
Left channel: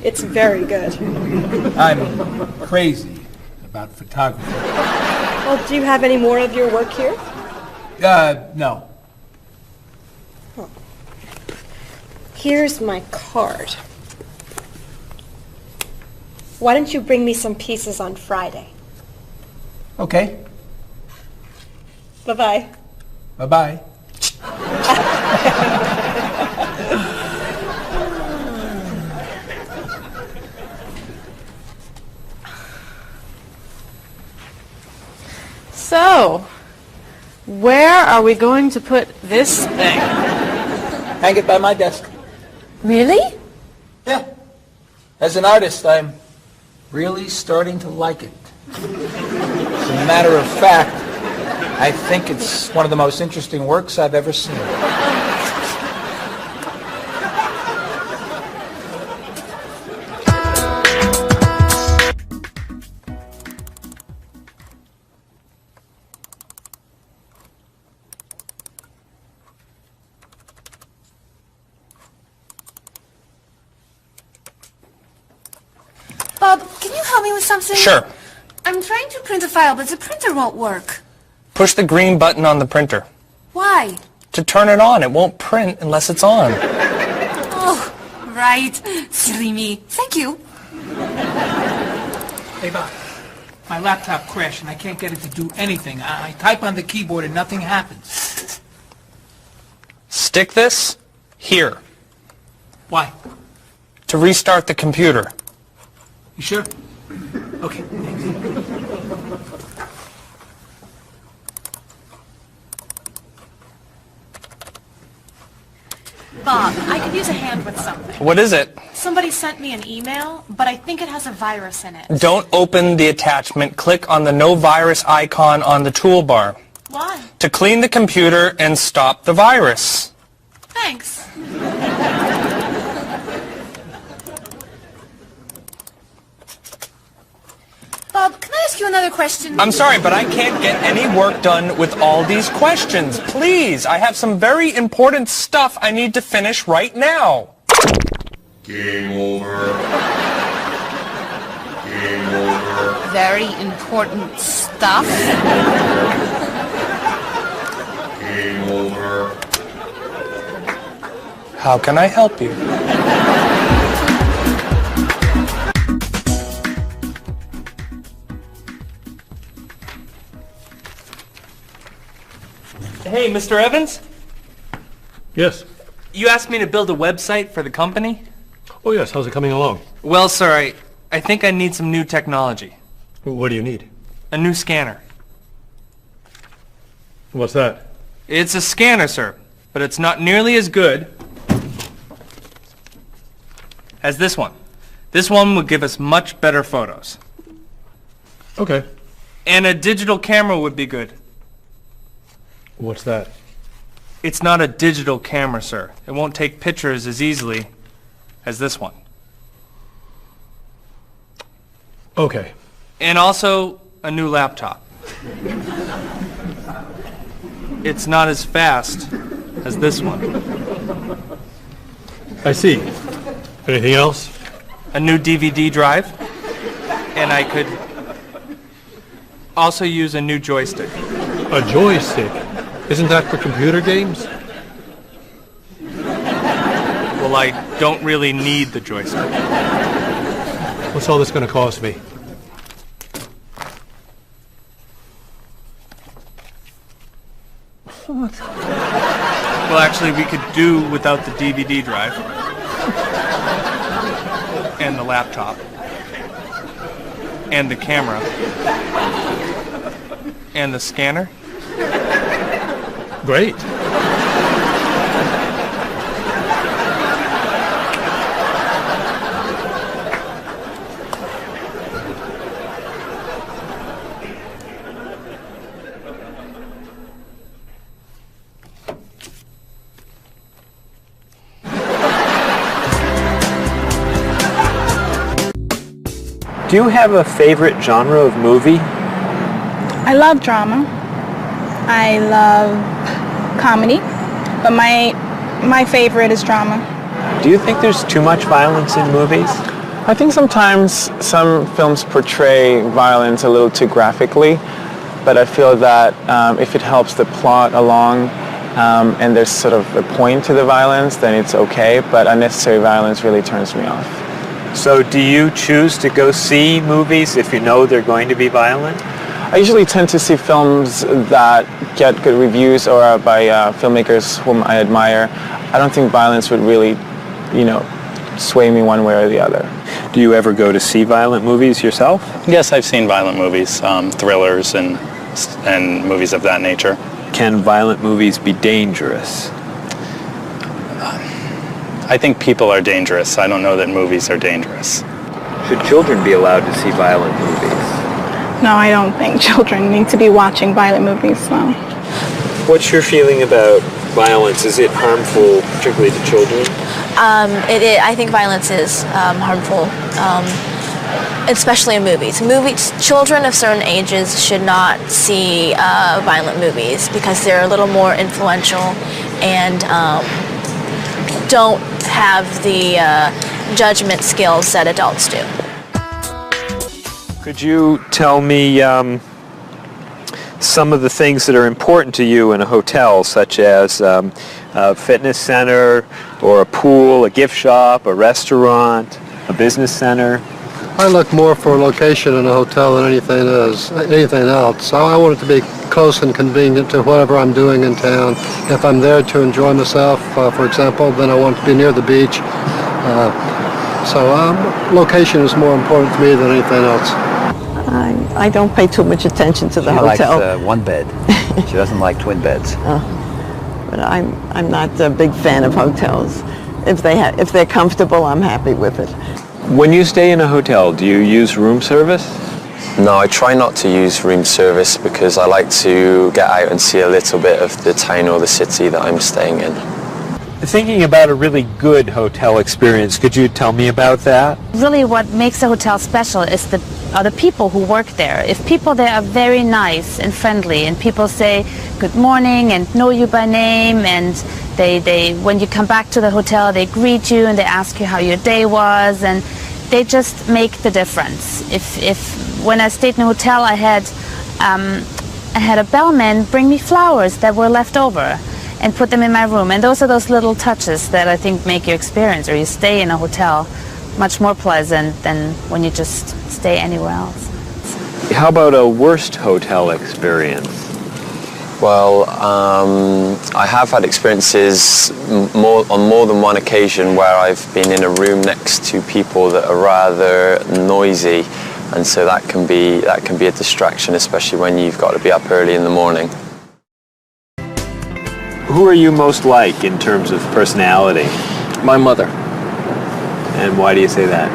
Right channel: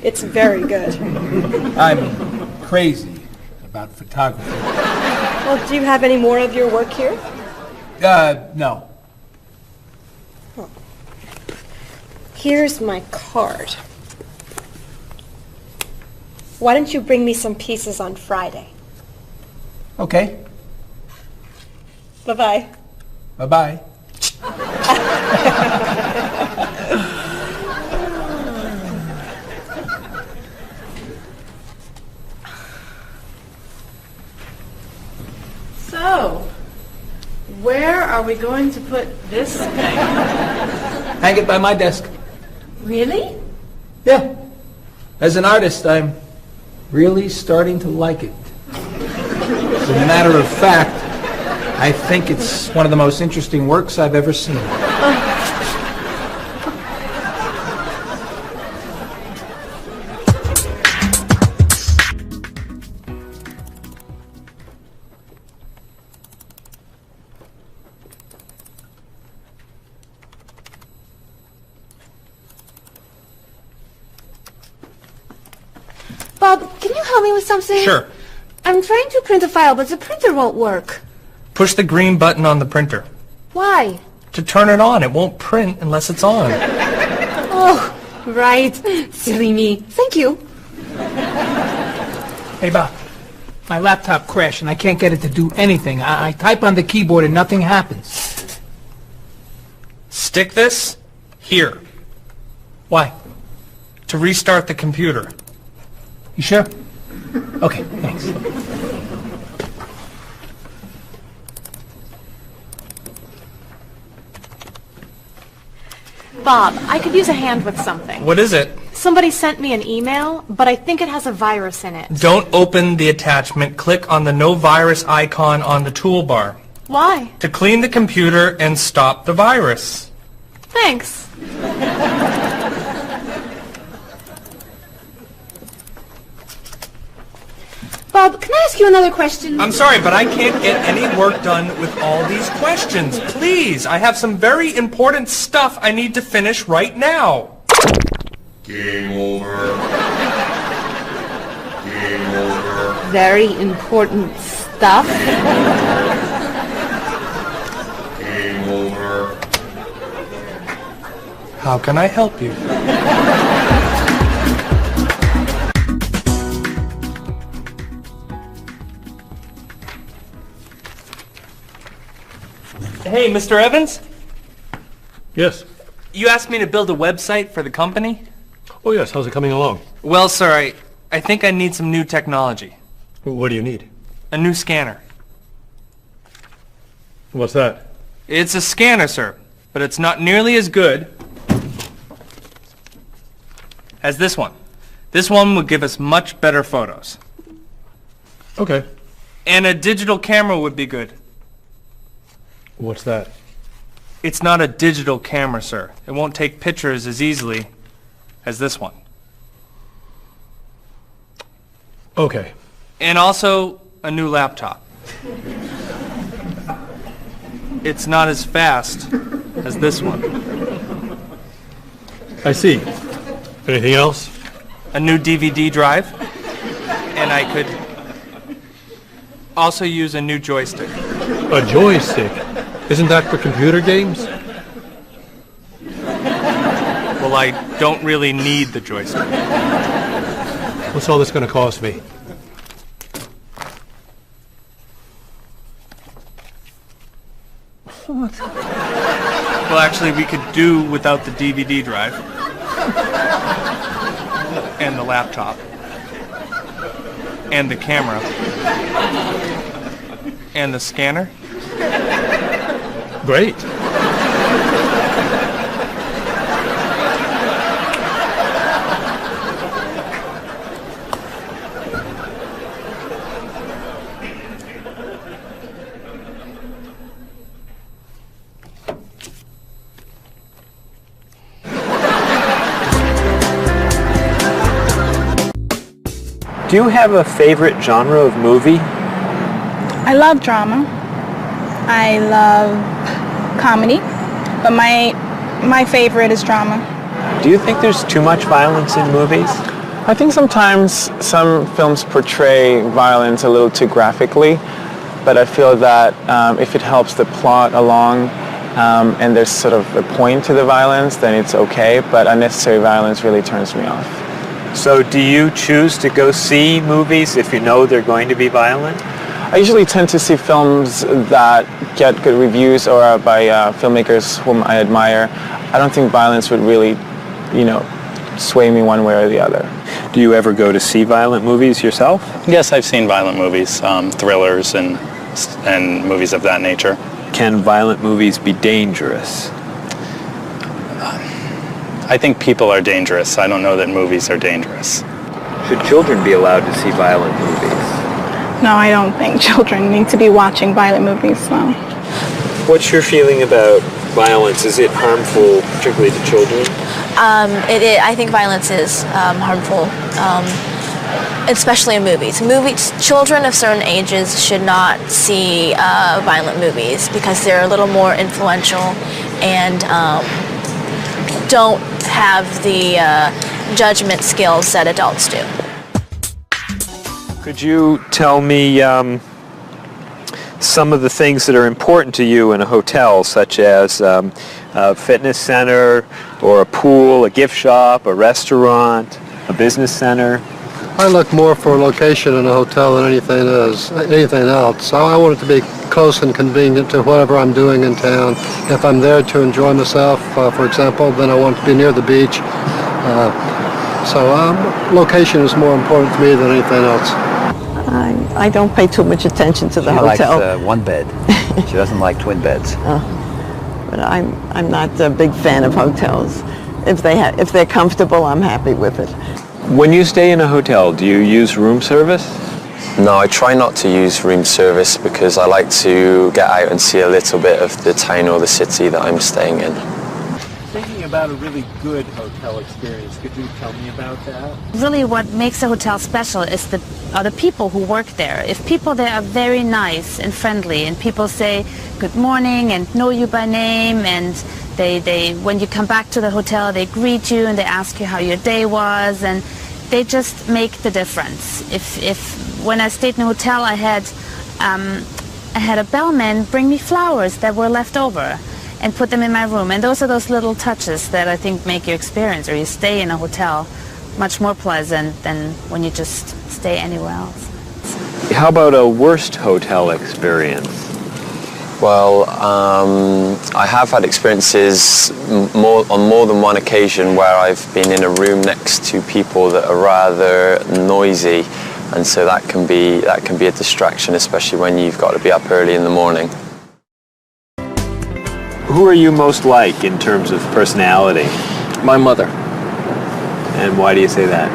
It's very good. I'm crazy about photography. Well, do you have any more of your work here? No. Here's my card. Why don't you bring me some pieces on Friday? Okay. Bye-bye. Bye-bye. So, where are we going to put this thing? Hang it by my desk. Really? Yeah. As an artist, I'm really starting to like it. As a matter of fact, I think it's one of the most interesting works I've ever seen. Bob, can you help me with something? Sure. I'm trying to print a file, but the printer won't work. Push the green button on the printer. Why? To turn it on. It won't print unless it's on. Oh, right. Silly me. Thank you. Hey, Bob. My laptop crashed and I can't get it to do anything. I type on the keyboard and nothing happens. Stick this here Why? to restart the computer. You sure? Okay, thanks. Bob, I could use a hand with something. What is it? Somebody sent me an email, but I think it has a virus in it. Don't open the attachment. Click on the no virus icon on the toolbar Why? to clean the computer and stop the virus. Thanks. Bob, can I ask you another question? I'm sorry, but I can't get any work done with all these questions. Please, I have some very important stuff I need to finish right now. Game over. Game over. Very important stuff. Game over. How can I help you? Hey, Mr. Evans? Yes. You asked me to build a website for the company? Oh, yes. How's it coming along? Well, sir, I think I need some new technology. What do you need? A new scanner. What's that? It's a scanner, sir, but it's not nearly as good as this one. This one would give us much better photos. Okay. And a digital camera would be good. What's that? It's not a digital camera, sir. It won't take pictures as easily as this one. Okay. And also a new laptop. It's not as fast as this one. I see. Anything else? A new DVD drive. And I could also use a new joystick. A joystick? Isn't that for computer games? Well, I don't really need the joystick. What's all this going to cost me? What? Well, actually, we could do without the DVD drive. And the laptop. And the camera. And the scanner. Great. Do you have a favorite genre of movie? I love drama. I love comedy, but my favorite is drama. Do you think there's too much violence in movies? I think sometimes some films portray violence a little too graphically, but I feel that if it helps the plot along and there's sort of a point to the violence, then it's okay, but unnecessary violence really turns me off. So do you choose to go see movies if you know they're going to be violent? I usually tend to see films that get good reviews or are by filmmakers whom I admire. I don't think violence would really, sway me one way or the other. Do you ever go to see violent movies yourself? Yes, I've seen violent movies, thrillers and movies of that nature. Can violent movies be dangerous? I think people are dangerous. I don't know that movies are dangerous. Should children be allowed to see violent movies? No, I don't think children need to be watching violent movies, no. What's your feeling about violence? Is it harmful, particularly to children? I think violence is harmful, especially in movies. Children of certain ages should not see violent movies because they're a little more influential and don't have the judgment skills that adults do. Could you tell me some of the things that are important to you in a hotel, such as a fitness center, or a pool, a gift shop, a restaurant, a business center? I look more for a location in a hotel than anything else. So I want it to be close and convenient to whatever I'm doing in town. If I'm there to enjoy myself, for example, then I want to be near the beach. So location is more important to me than anything else. I don't pay too much attention to the hotel. She likes one bed. She doesn't like twin beds. But I'm not a big fan of hotels. If they're comfortable, I'm happy with it. When you stay in a hotel, do you use room service? No, I try not to use room service because I like to get out and see a little bit of the town or the city that I'm staying in. Thinking about a really good hotel experience, could you tell me about that? Really what makes a hotel special is the are the people who work there. If people there are very nice and friendly, and people say good morning and know you by name, and they when you come back to the hotel, they greet you and they ask you how your day was, and they just make the difference. If when I stayed in a hotel, I had a bellman bring me flowers that were left over and put them in my room, and those are those little touches that I think make your experience, or you stay in a hotel, much more pleasant than when you just stay anywhere else. How about a worst hotel experience? Well, I have had experiences on more than one occasion where I've been in a room next to people that are rather noisy, and so that can be a distraction, especially when you've got to be up early in the morning. Who are you most like in terms of personality? My mother. And why do you say that?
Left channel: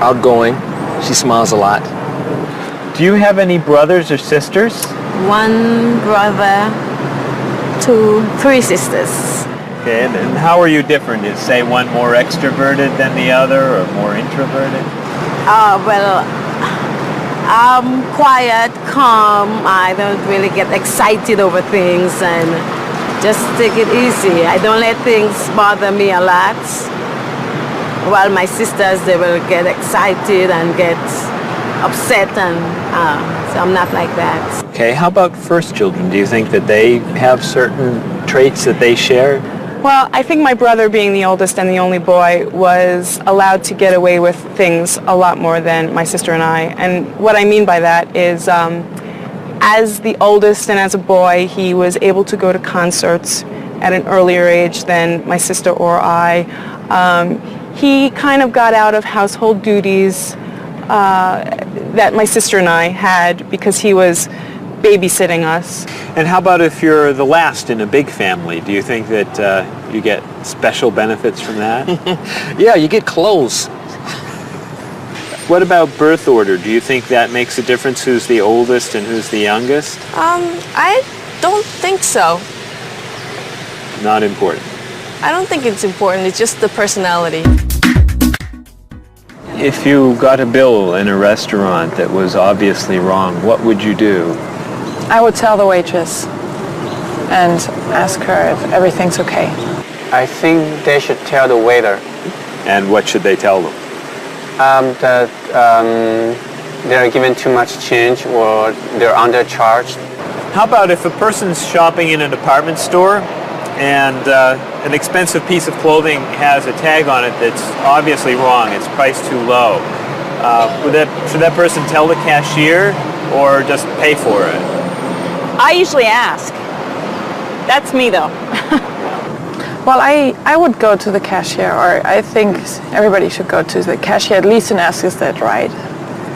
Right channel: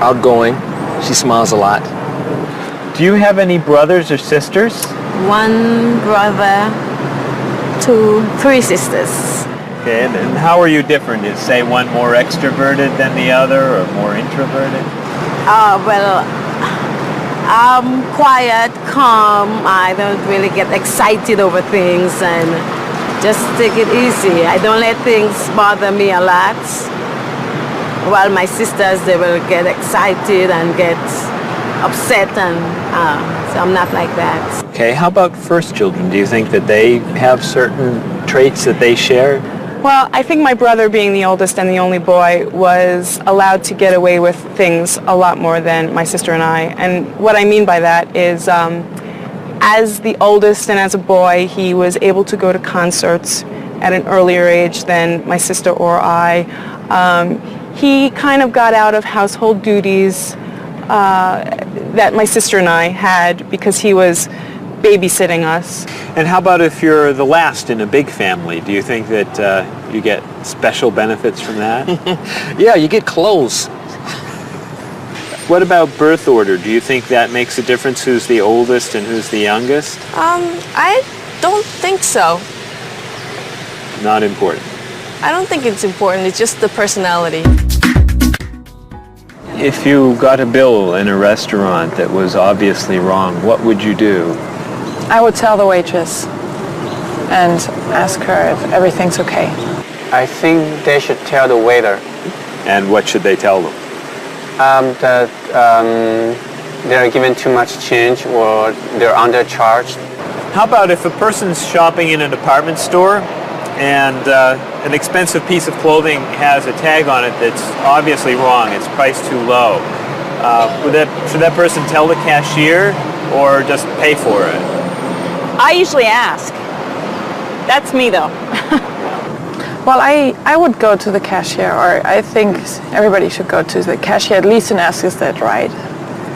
Outgoing. She smiles a lot. Do you have any brothers or sisters? One brother, three sisters. Okay, and how are you different? Is, say, one more extroverted than the other, or more introverted? Well, I'm quiet, calm. I don't really get excited over things and just take it easy. I don't let things bother me a lot. While my sisters, they will get excited and get upset, and so I'm not like that. Okay, how about first children? Do you think that they have certain traits that they share? Well, I think my brother, being the oldest and the only boy, was allowed to get away with things a lot more than my sister and I. And what I mean by that is, as the oldest and as a boy, he was able to go to concerts at an earlier age than my sister or I. He kind of got out of household duties that my sister and I had because he was babysitting us. And how about if you're the last in a big family? Do you think that you get special benefits from that? Yeah, you get clothes. What about birth order? Do you think that makes a difference who's the oldest and who's the youngest? I don't think so. Not important. I don't think it's important. It's just the personality. If you got a bill in a restaurant that was obviously wrong, what would you do? I would tell the waitress and ask her if everything's okay. I think they should tell the waiter. And what should they tell them? That they're given too much change or they're undercharged. How about if a person's shopping in a department store and an expensive piece of clothing has a tag on it that's obviously wrong, it's priced too low. Should that person tell the cashier or just pay for it? I usually ask. That's me though. Well, I would go to the cashier, or I think everybody should go to the cashier at least and ask, is that right?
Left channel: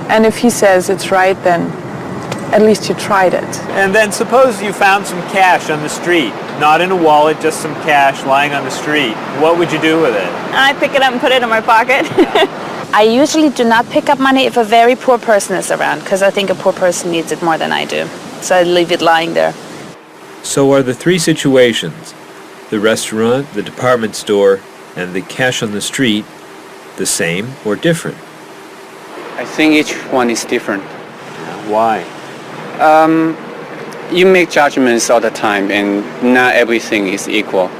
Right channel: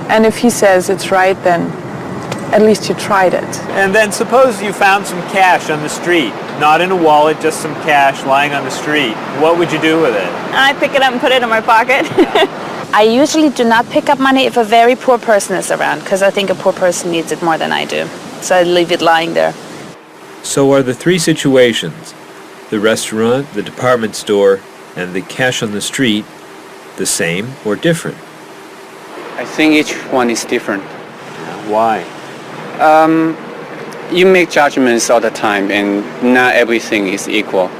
And if he says it's right, then at least you tried it. And then suppose you found some cash on the street, not in a wallet, just some cash lying on the street. What would you do with it? I pick it up and put it in my pocket. I usually do not pick up money if a very poor person is around, because I think a poor person needs it more than I do. So I leave it lying there. So are the three situations, the restaurant, the department store, and the cash on the street, the same or different? I think each one is different. Why? You make judgments all the time, and not everything is equal.